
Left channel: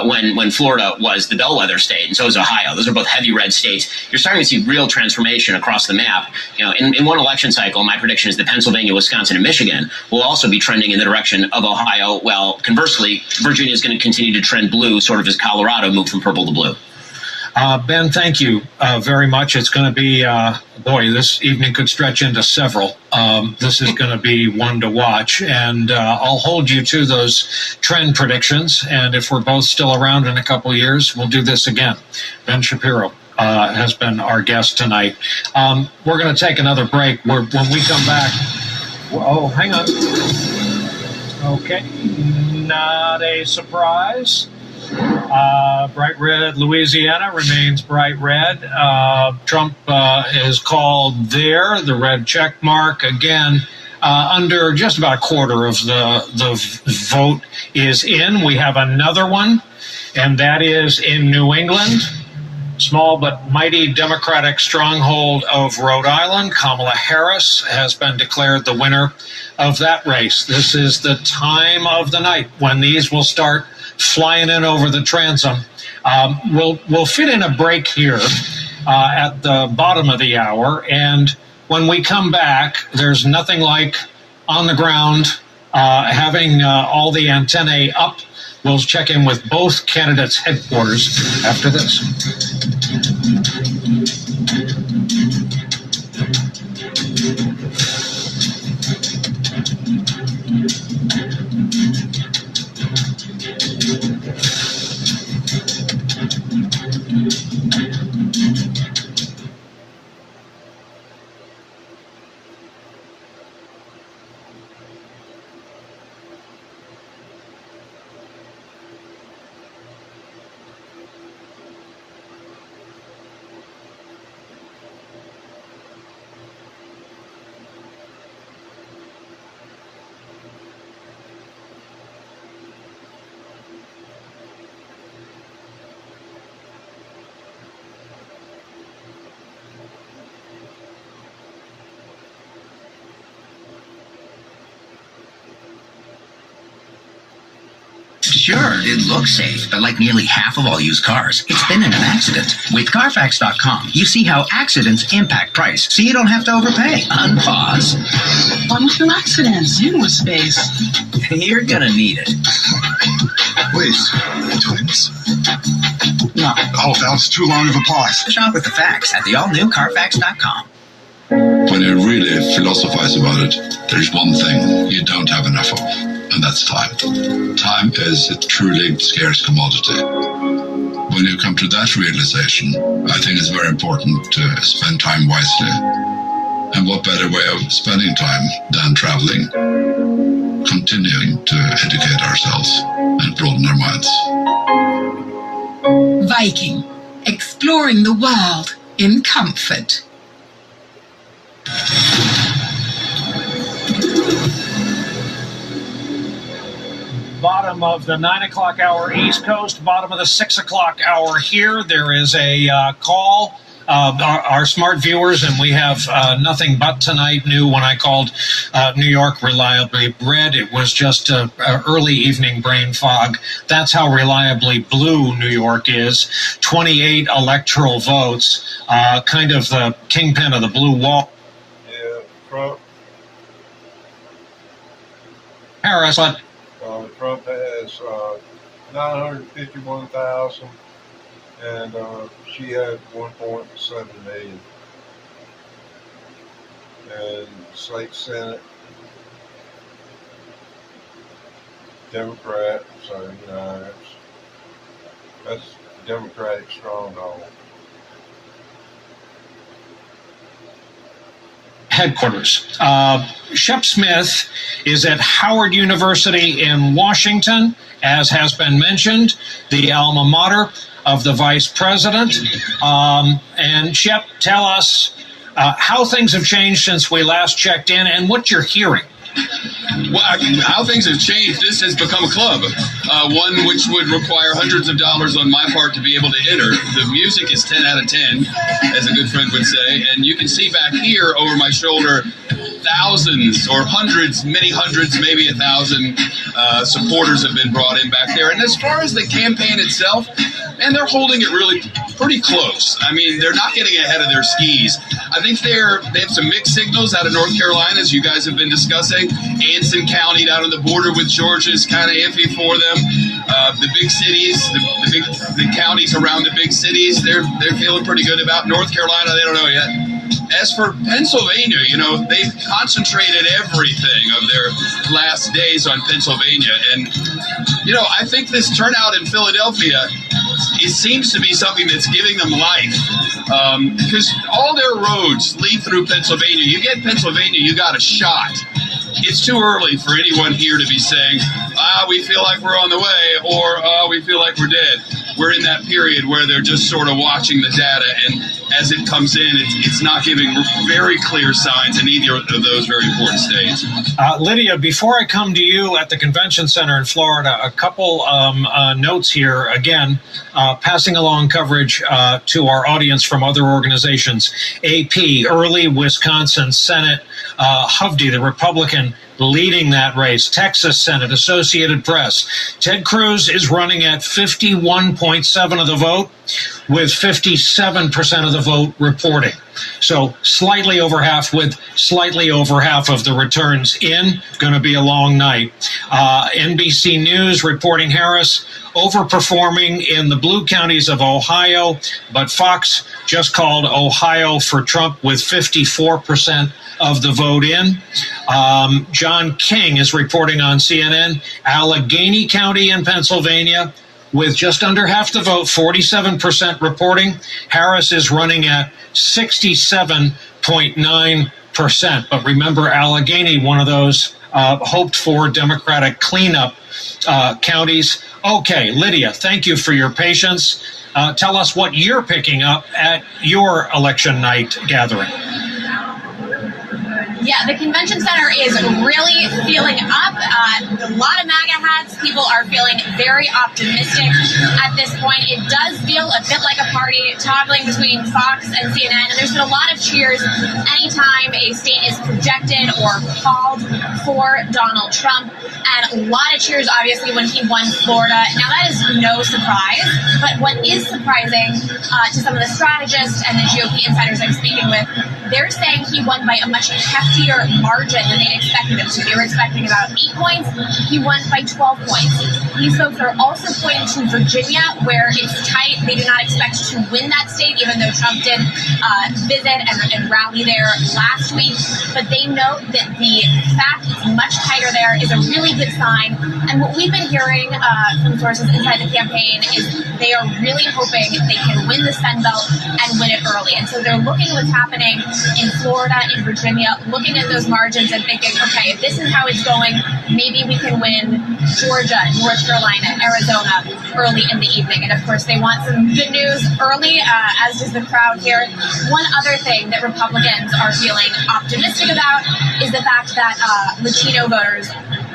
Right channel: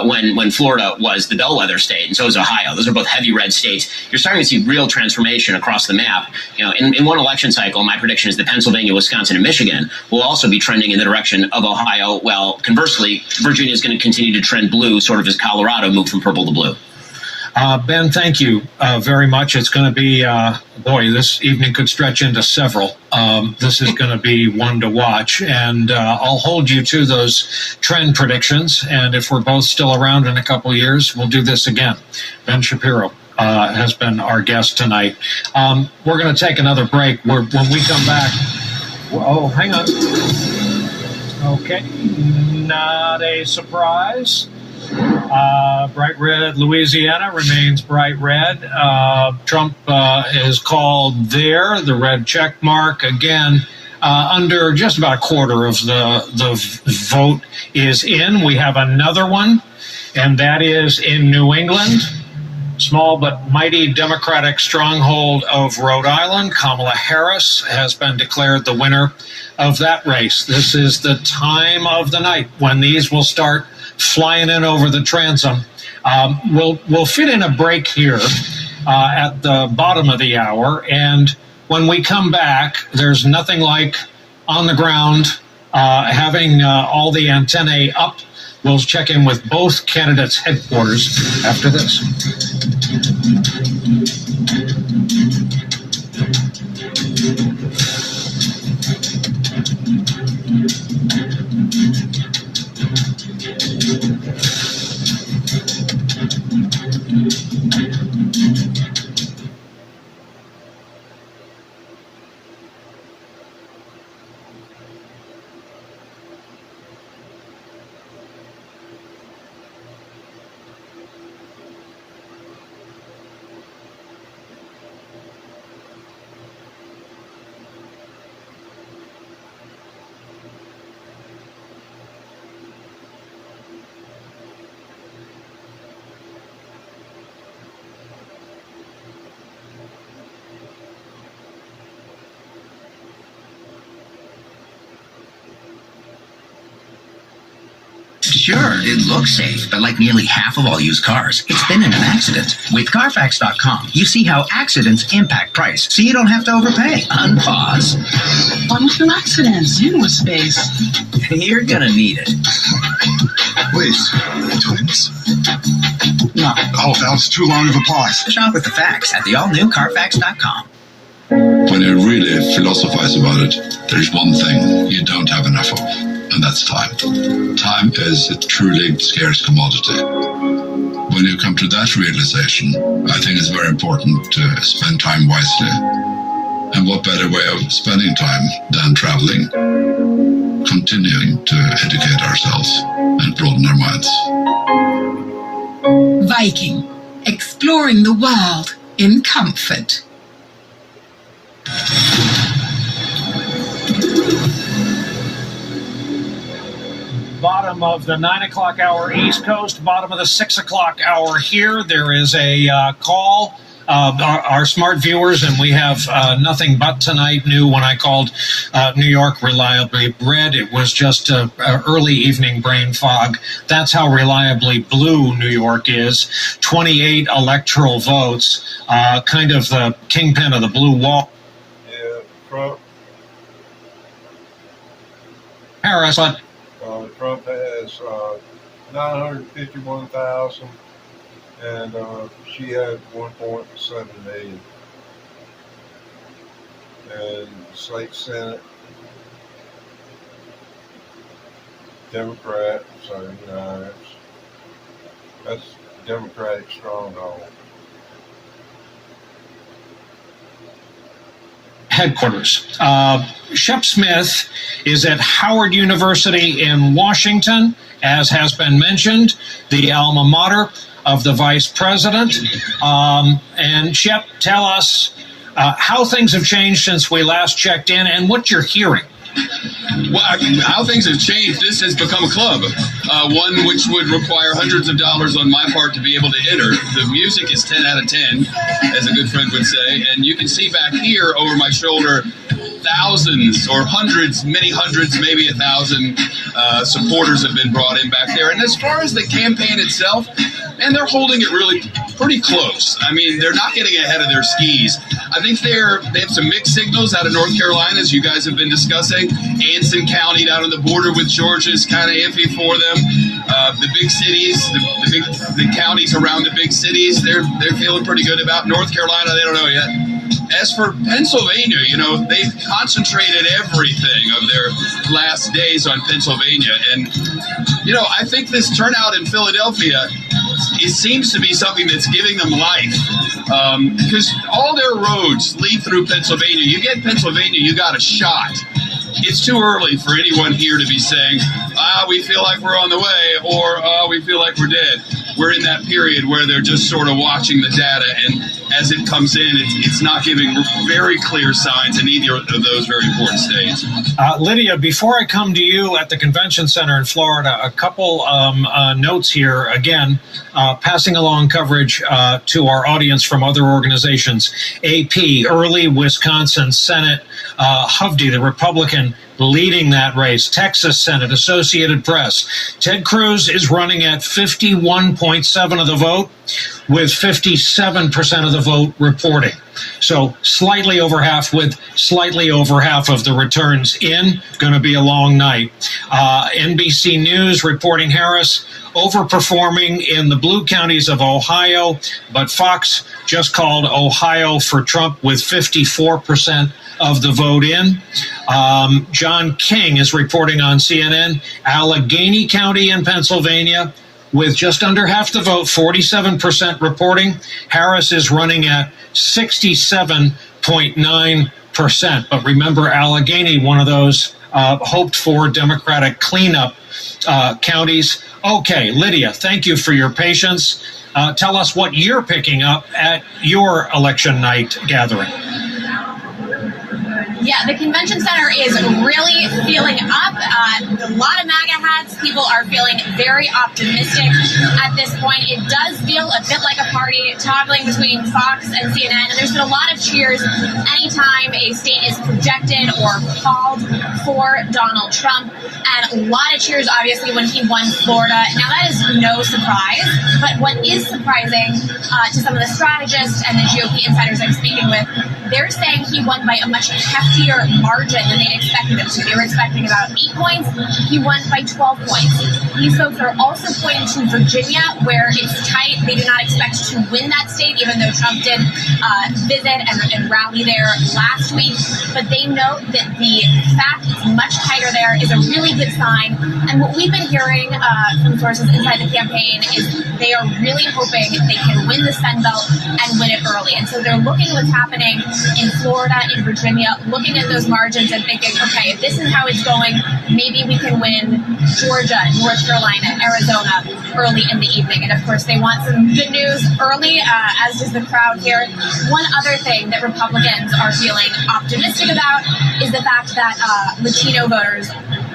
when Florida was the bellwether state, and so is Ohio. Those are both heavy red states. You're starting to see real transformation across the map. You know, in one election cycle, my prediction is that Pennsylvania, Wisconsin, and Michigan will also be trending in the direction of Ohio, while conversely, Virginia is going to continue to trend blue, sort of as Colorado moved from purple to blue. Ben, thank you very much. It's going to be, this evening could stretch into several. This is going to be one to watch, and I'll hold you to those trend predictions, and if we're both still around in a couple of years, we'll do this again. Ben Shapiro has been our guest tonight. We're going to take another break. When we come back... Oh, hang on. Okay, not a surprise. Bright red Louisiana remains bright red. Trump is called there. The red check mark again. Under just about a quarter of the vote is in. We have another one, and that is in New England. Small but mighty Democratic stronghold of Rhode Island. Kamala Harris has been declared the winner of that race. This is the time of the night when these will start flying in over the transom. We'll fit in a break here at the bottom of the hour, and when we come back, there's nothing like on the ground having all the antennae up. We'll check in with both candidates' headquarters after this. Sure, it looks safe, but like nearly half of all used cars, it's been in an accident. With Carfax.com, you see how accidents impact price, so you don't have to overpay. Unpause. 2 accidents, zero space. You're gonna need it. Wait, twins? No. Oh, that was too long of a pause. Shop with the facts at the all-new Carfax.com. When you really philosophize about it, there's one thing you don't have enough of, and that's time. Time is a truly scarce commodity. When you come to that realization, I think it's very important to spend time wisely. And what better way of spending time than traveling, continuing to educate ourselves and broaden our minds. Viking, exploring the world in comfort. Bottom of the 9 o'clock hour East Coast, bottom of the 6 o'clock hour here. There is a call. Our smart viewers, and we have nothing but tonight new when I called New York reliably red. It was just an early evening brain fog. That's how reliably blue New York is. 28 electoral votes, kind of the kingpin of the blue wall. Yeah, Trump. Harris, what? Trump has 951,000, and she had 1.7 million. And the state Senate, Democrat, so that's Democratic stronghold. headquarters. Shep Smith is at Howard University in Washington, as has been mentioned, the alma mater of the vice president. And Shep, tell us how things have changed since we last checked in and what you're hearing. Well, how things have changed, this has become a club, one which would require hundreds of dollars on my part to be able to enter. The music is 10 out of 10, as a good friend would say, and you can see back here over my shoulder thousands or hundreds, many hundreds, maybe 1,000 supporters have been brought in back there. And as far as the campaign itself, and they're holding it really pretty close. I mean, they're not getting ahead of their skis. I think they have some mixed signals out of North Carolina, as you guys have been discussing. Anson County down on the border with Georgia is kind of iffy for them. The big cities, the counties around the big cities, they're feeling pretty good about. North Carolina, they don't know yet. As for Pennsylvania, they've concentrated everything of their last days on Pennsylvania. And, I think this turnout in Philadelphia, it seems to be something that's giving them life. Because all their roads lead through Pennsylvania. You get Pennsylvania, you got a shot. It's too early for anyone here to be saying, we feel like we're on the way, or we feel like we're dead. We're in that period where they're just sort of watching the data, and as it comes in, it's not giving very clear signs in either of those very important states. Lydia, before I come to you at the convention center in Florida, a couple notes here. Again, passing along coverage to our audience from other organizations. AP, early Wisconsin Senate, Hovde, the Republican, leading that race. Texas Senate, Associated Press. Ted Cruz is running at 51.7 of the vote, with 57% of the vote reporting. So slightly over half, with slightly over half of the returns in. Going to be a long night. NBC News reporting Harris overperforming in the blue counties of Ohio, but Fox just called Ohio for Trump with 54% of the vote in. John King is reporting on CNN, Allegheny County in Pennsylvania, with just under half the vote, 47% reporting. Harris is running at 67.9%. But remember, Allegheny, one of those hoped-for Democratic cleanup counties. Okay, Lydia, thank you for your patience. Tell us what you're picking up at your election night gathering. Yeah, the convention center is really feeling up. A lot of MAGA hats. People are feeling very optimistic at this point. It does feel a bit like a party, toggling between Fox and CNN. And there's been a lot of cheers anytime a state is projected or called for Donald Trump. And a lot of cheers, obviously, when he won Florida. Now, that is no surprise. But what is surprising to some of the strategists and the GOP insiders I'm speaking with, they're saying he won by a much heftier margin than they expected him to. They were expecting about 8 points. He won by 12 points. These folks are also pointing to Virginia, where it's tight. They do not expect to win that state, even though Trump did visit and rally there last week. But they note that the fact it's much tighter there is a really good sign. And what we've been hearing from sources inside the campaign is they are really hoping they can win the Sun Belt and win it early. And so they're looking at what's happening in Florida, in Virginia, looking at those margins and thinking, okay, if this is how it's going, maybe we can win Georgia, North Carolina, Arizona early in the evening. And of course, they want some good news early, as does the crowd here. One other thing that Republicans are feeling optimistic about is the fact that Latino voters,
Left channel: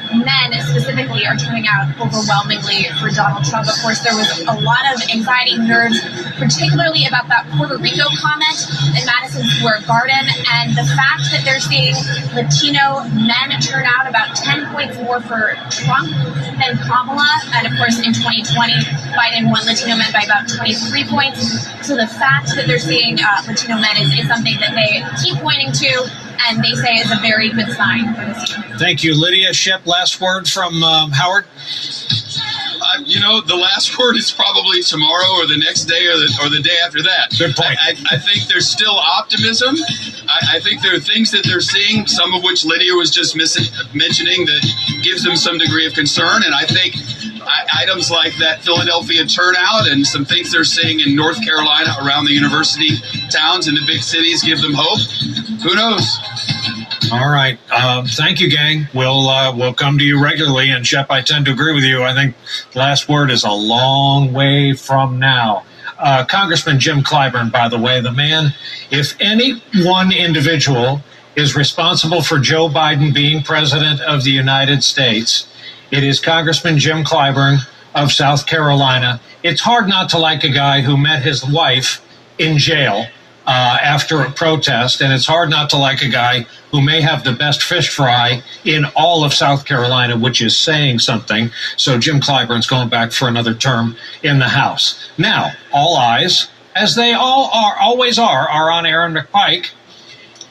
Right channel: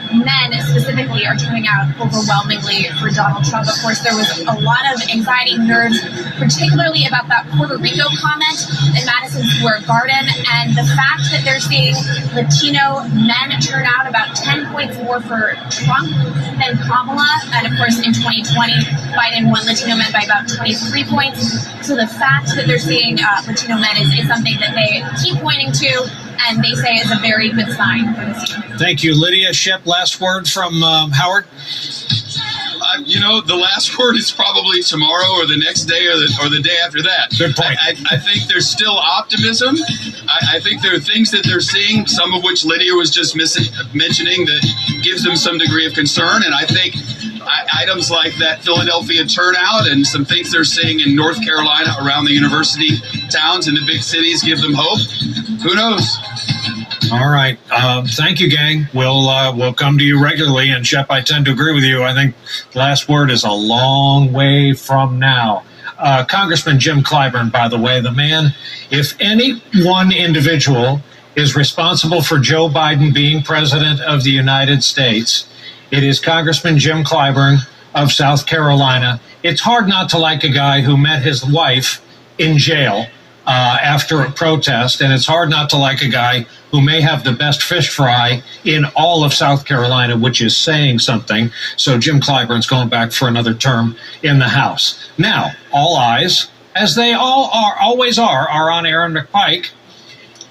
men specifically, are turning out overwhelmingly for Donald Trump. Of course, there was a lot of anxiety, nerves, particularly about that Puerto Rico comment in Madison Square Garden, and the fact that they're seeing Latino men turn out about 10 points more for Trump than Kamala. And of course, in 2020, Biden won Latino men by about 23 points. So the fact that they're seeing Latino men is something that they keep pointing to, and they say is a very good sign for the team. Thank you, Lydia. Shep, last word from Howard? The last word is probably tomorrow or the next day or the day after that. Good point. I think there's still optimism. I think there are things that they're seeing, some of which Lydia was just mentioning, that gives them some degree of concern. And I think items like that Philadelphia turnout and some things they're seeing in North Carolina around the university towns and the big cities give them hope. Who knows? All right. Thank you, gang. We'll come to you regularly. And Shep, I tend to agree with you. I think last word is a long way from now. Congressman Jim Clyburn, by the way, the man, if any one individual is responsible for Joe Biden being president of the United States, it is Congressman Jim Clyburn of South Carolina. It's hard not to like a guy who met his wife in jail after a protest, and it's hard not to like a guy who may have the best fish fry in all of South Carolina, which is saying something. So Jim Clyburn's going back for another term in the House. Now, all eyes, as they always are on Erin McPike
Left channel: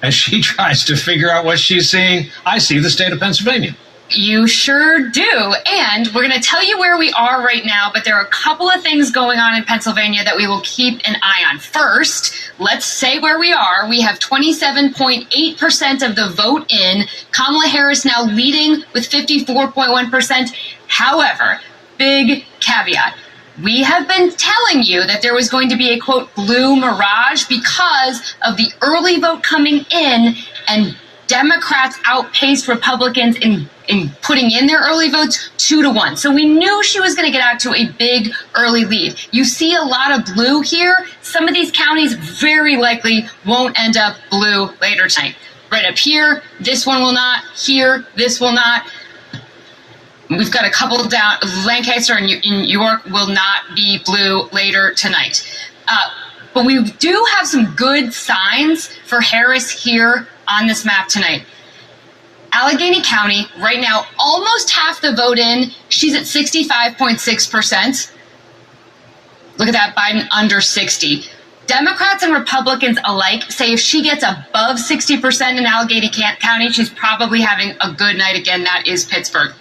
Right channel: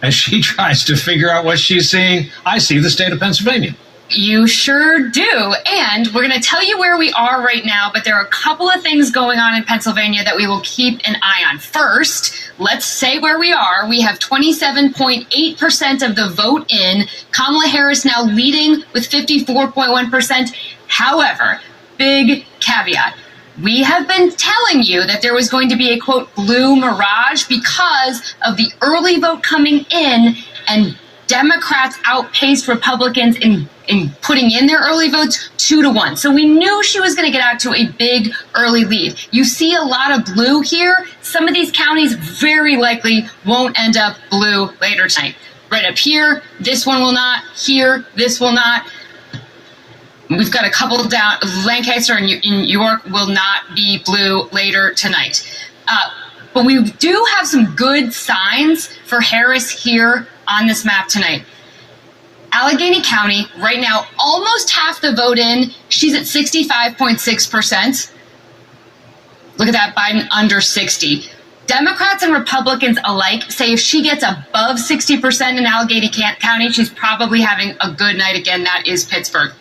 as she tries to figure out what she's seeing. I see the state of Pennsylvania. You sure do. And we're going to tell you where we are right now, but there are a couple of things going on in Pennsylvania that we will keep an eye on. First, let's say where we are. We have 27.8% of the vote in. Kamala Harris now leading with 54.1%. However, big caveat. We have been telling you that there was going to be a, quote, blue mirage because of the early vote coming in, and Democrats outpaced Republicans in putting in their early votes 2-1. So we knew she was going to get out to a big early lead. You see a lot of blue here. Some of these counties very likely won't end up blue later tonight. Right up here, this one will not. Here, this will not. We've got a couple down. Lancaster and York will not be blue later tonight. But we do have some good signs for Harris here on this map tonight. Allegheny County, right now, almost half the vote in. She's at 65.6%. Look at that, Biden under 60. Democrats and Republicans alike say if she gets above 60% in Allegheny County, she's probably having a good night again. That is Pittsburgh.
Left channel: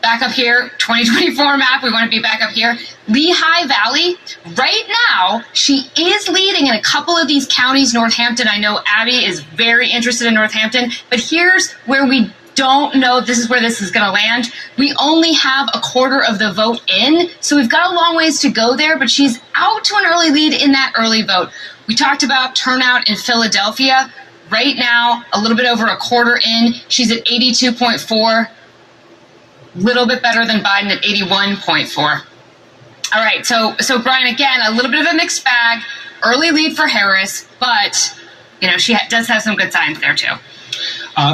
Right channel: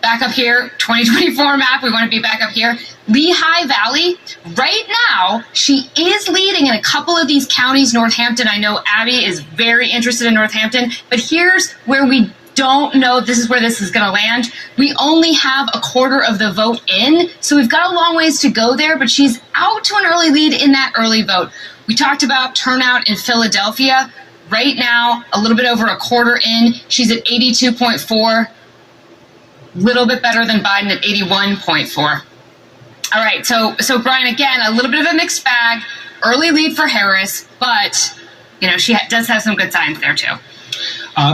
Back up here, 2024 map, we want to be back up here. Lehigh Valley, right now, she is leading in a couple of these counties. Northampton, I know Abby is very interested in Northampton, but here's where we don't know this is where this is going to land. We only have a quarter of the vote in, so we've got a long ways to go there, but she's out to an early lead in that early vote. We talked about turnout in Philadelphia. Right now, a little bit over a quarter in, she's at 82.4. Little bit better than Biden at 81.4. All right, so Brian, again, a little bit of a mixed bag. Early lead for Harris, but she does have some good signs there too.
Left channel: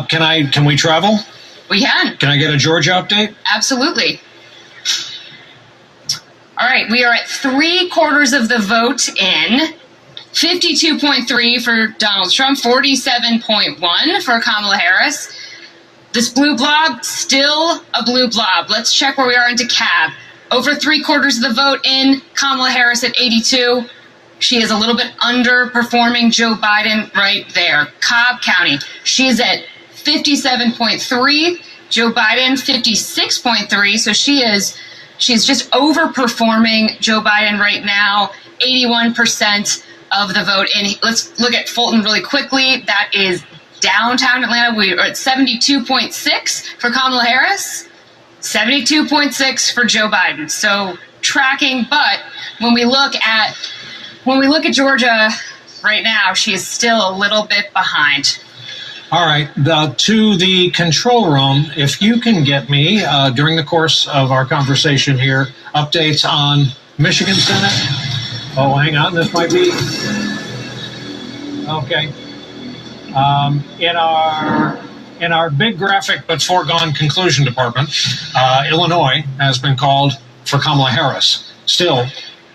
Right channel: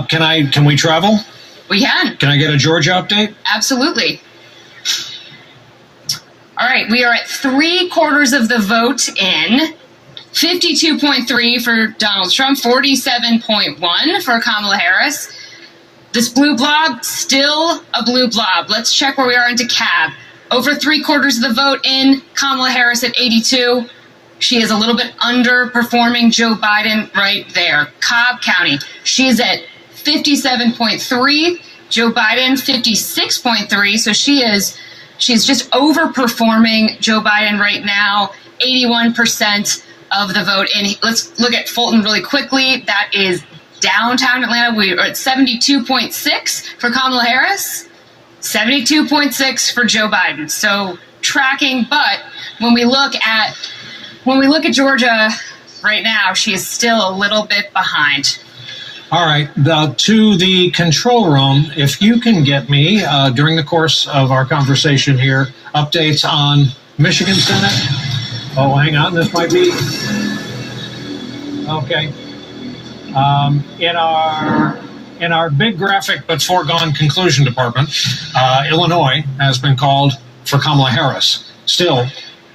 Can we travel? We can. Can I get a Georgia update? Absolutely. All right, we are at 3/4 of the vote in. 52.3 for Donald Trump, 47.1 for Kamala Harris. This blue blob, still a blue blob. Let's check where we are in DeKalb. Over 3/4 of the vote in. Kamala Harris at 82. She is a little bit underperforming Joe Biden right there. Cobb County, she's at 57.3. Joe Biden, 56.3. So she's just overperforming Joe Biden right now. 81% of the vote in. Let's look at Fulton really quickly. That is downtown Atlanta. We are at 72.6 for Kamala Harris, 72.6 for Joe Biden. So tracking, but when we look at Georgia right now, she is still a little bit behind. All right, to the control room, if you can get me, during the course of our conversation here, updates on Michigan Senate. Oh, hang on, this might be... Okay. In our big graphic but foregone conclusion department, Illinois has been called for Kamala Harris. Still,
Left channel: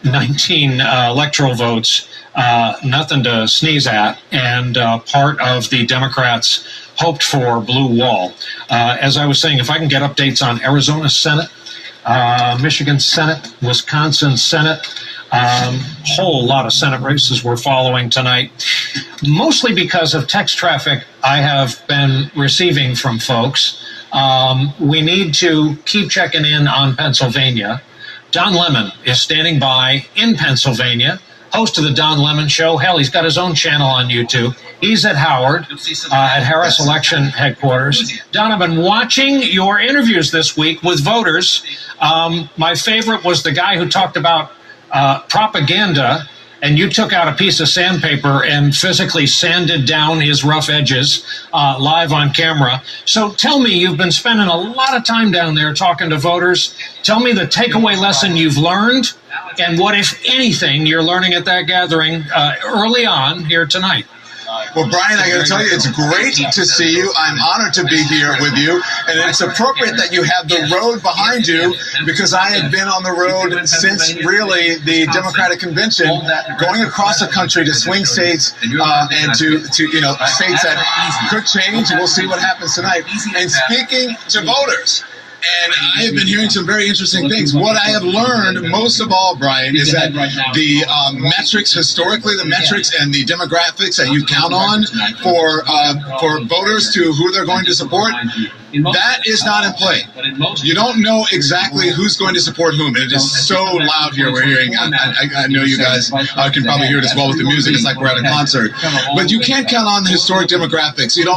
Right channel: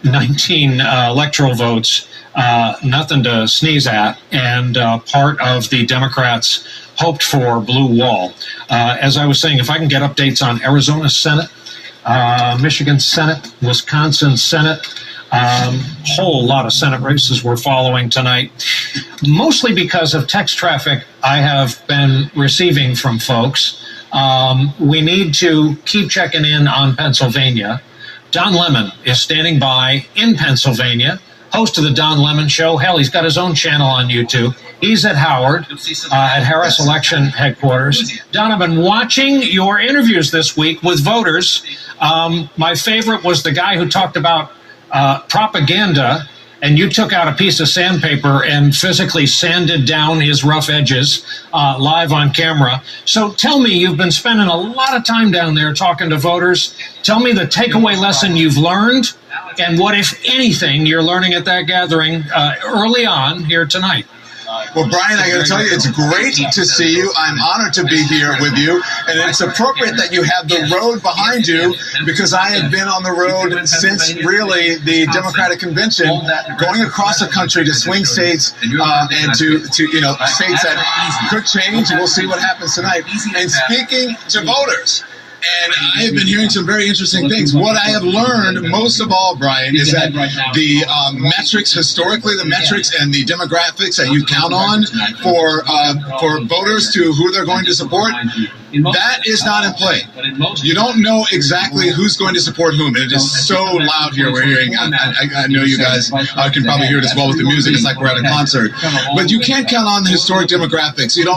19 electoral votes, nothing to sneeze at, and part of the Democrats' hoped for blue wall. As I was saying, if I can get updates on Arizona Senate, Michigan Senate, Wisconsin Senate, whole lot of Senate races we're following tonight, mostly because of text traffic I have been receiving from folks. We need to keep checking in on Pennsylvania. Don Lemon is standing by in Pennsylvania, host of the Don Lemon Show. Hell, he's got his own channel on YouTube. He's at Howard, at Harris Election Headquarters. Don, I've been watching your interviews this week with voters. My favorite was the guy who talked about propaganda and you took out a piece of sandpaper and physically sanded down his rough edges live on camera. So tell me, you've been spending a lot of time down there talking to voters. Tell me the takeaway lesson you've learned, and what, if anything, you're learning at that gathering early on here tonight. Well, Brian, I got to tell you, it's great to see you. I'm honored to be here with you, and it's appropriate that you have the road behind you, because I have been on the road since really the Democratic convention, going across the country to swing states and to states that could change, and we'll see what happens tonight. And speaking to voters. And I have been hearing some very interesting things. What I have learned most of all, Brian, is that the metrics, historically, the metrics and the demographics that you count on for voters to who they're going to support, that is not in play. You don't know exactly who's going to support whom. And it is so loud here. We're hearing, I know you guys can probably hear it as well with the music. It's like we're at a concert. But you can't count on the historic demographics. You don't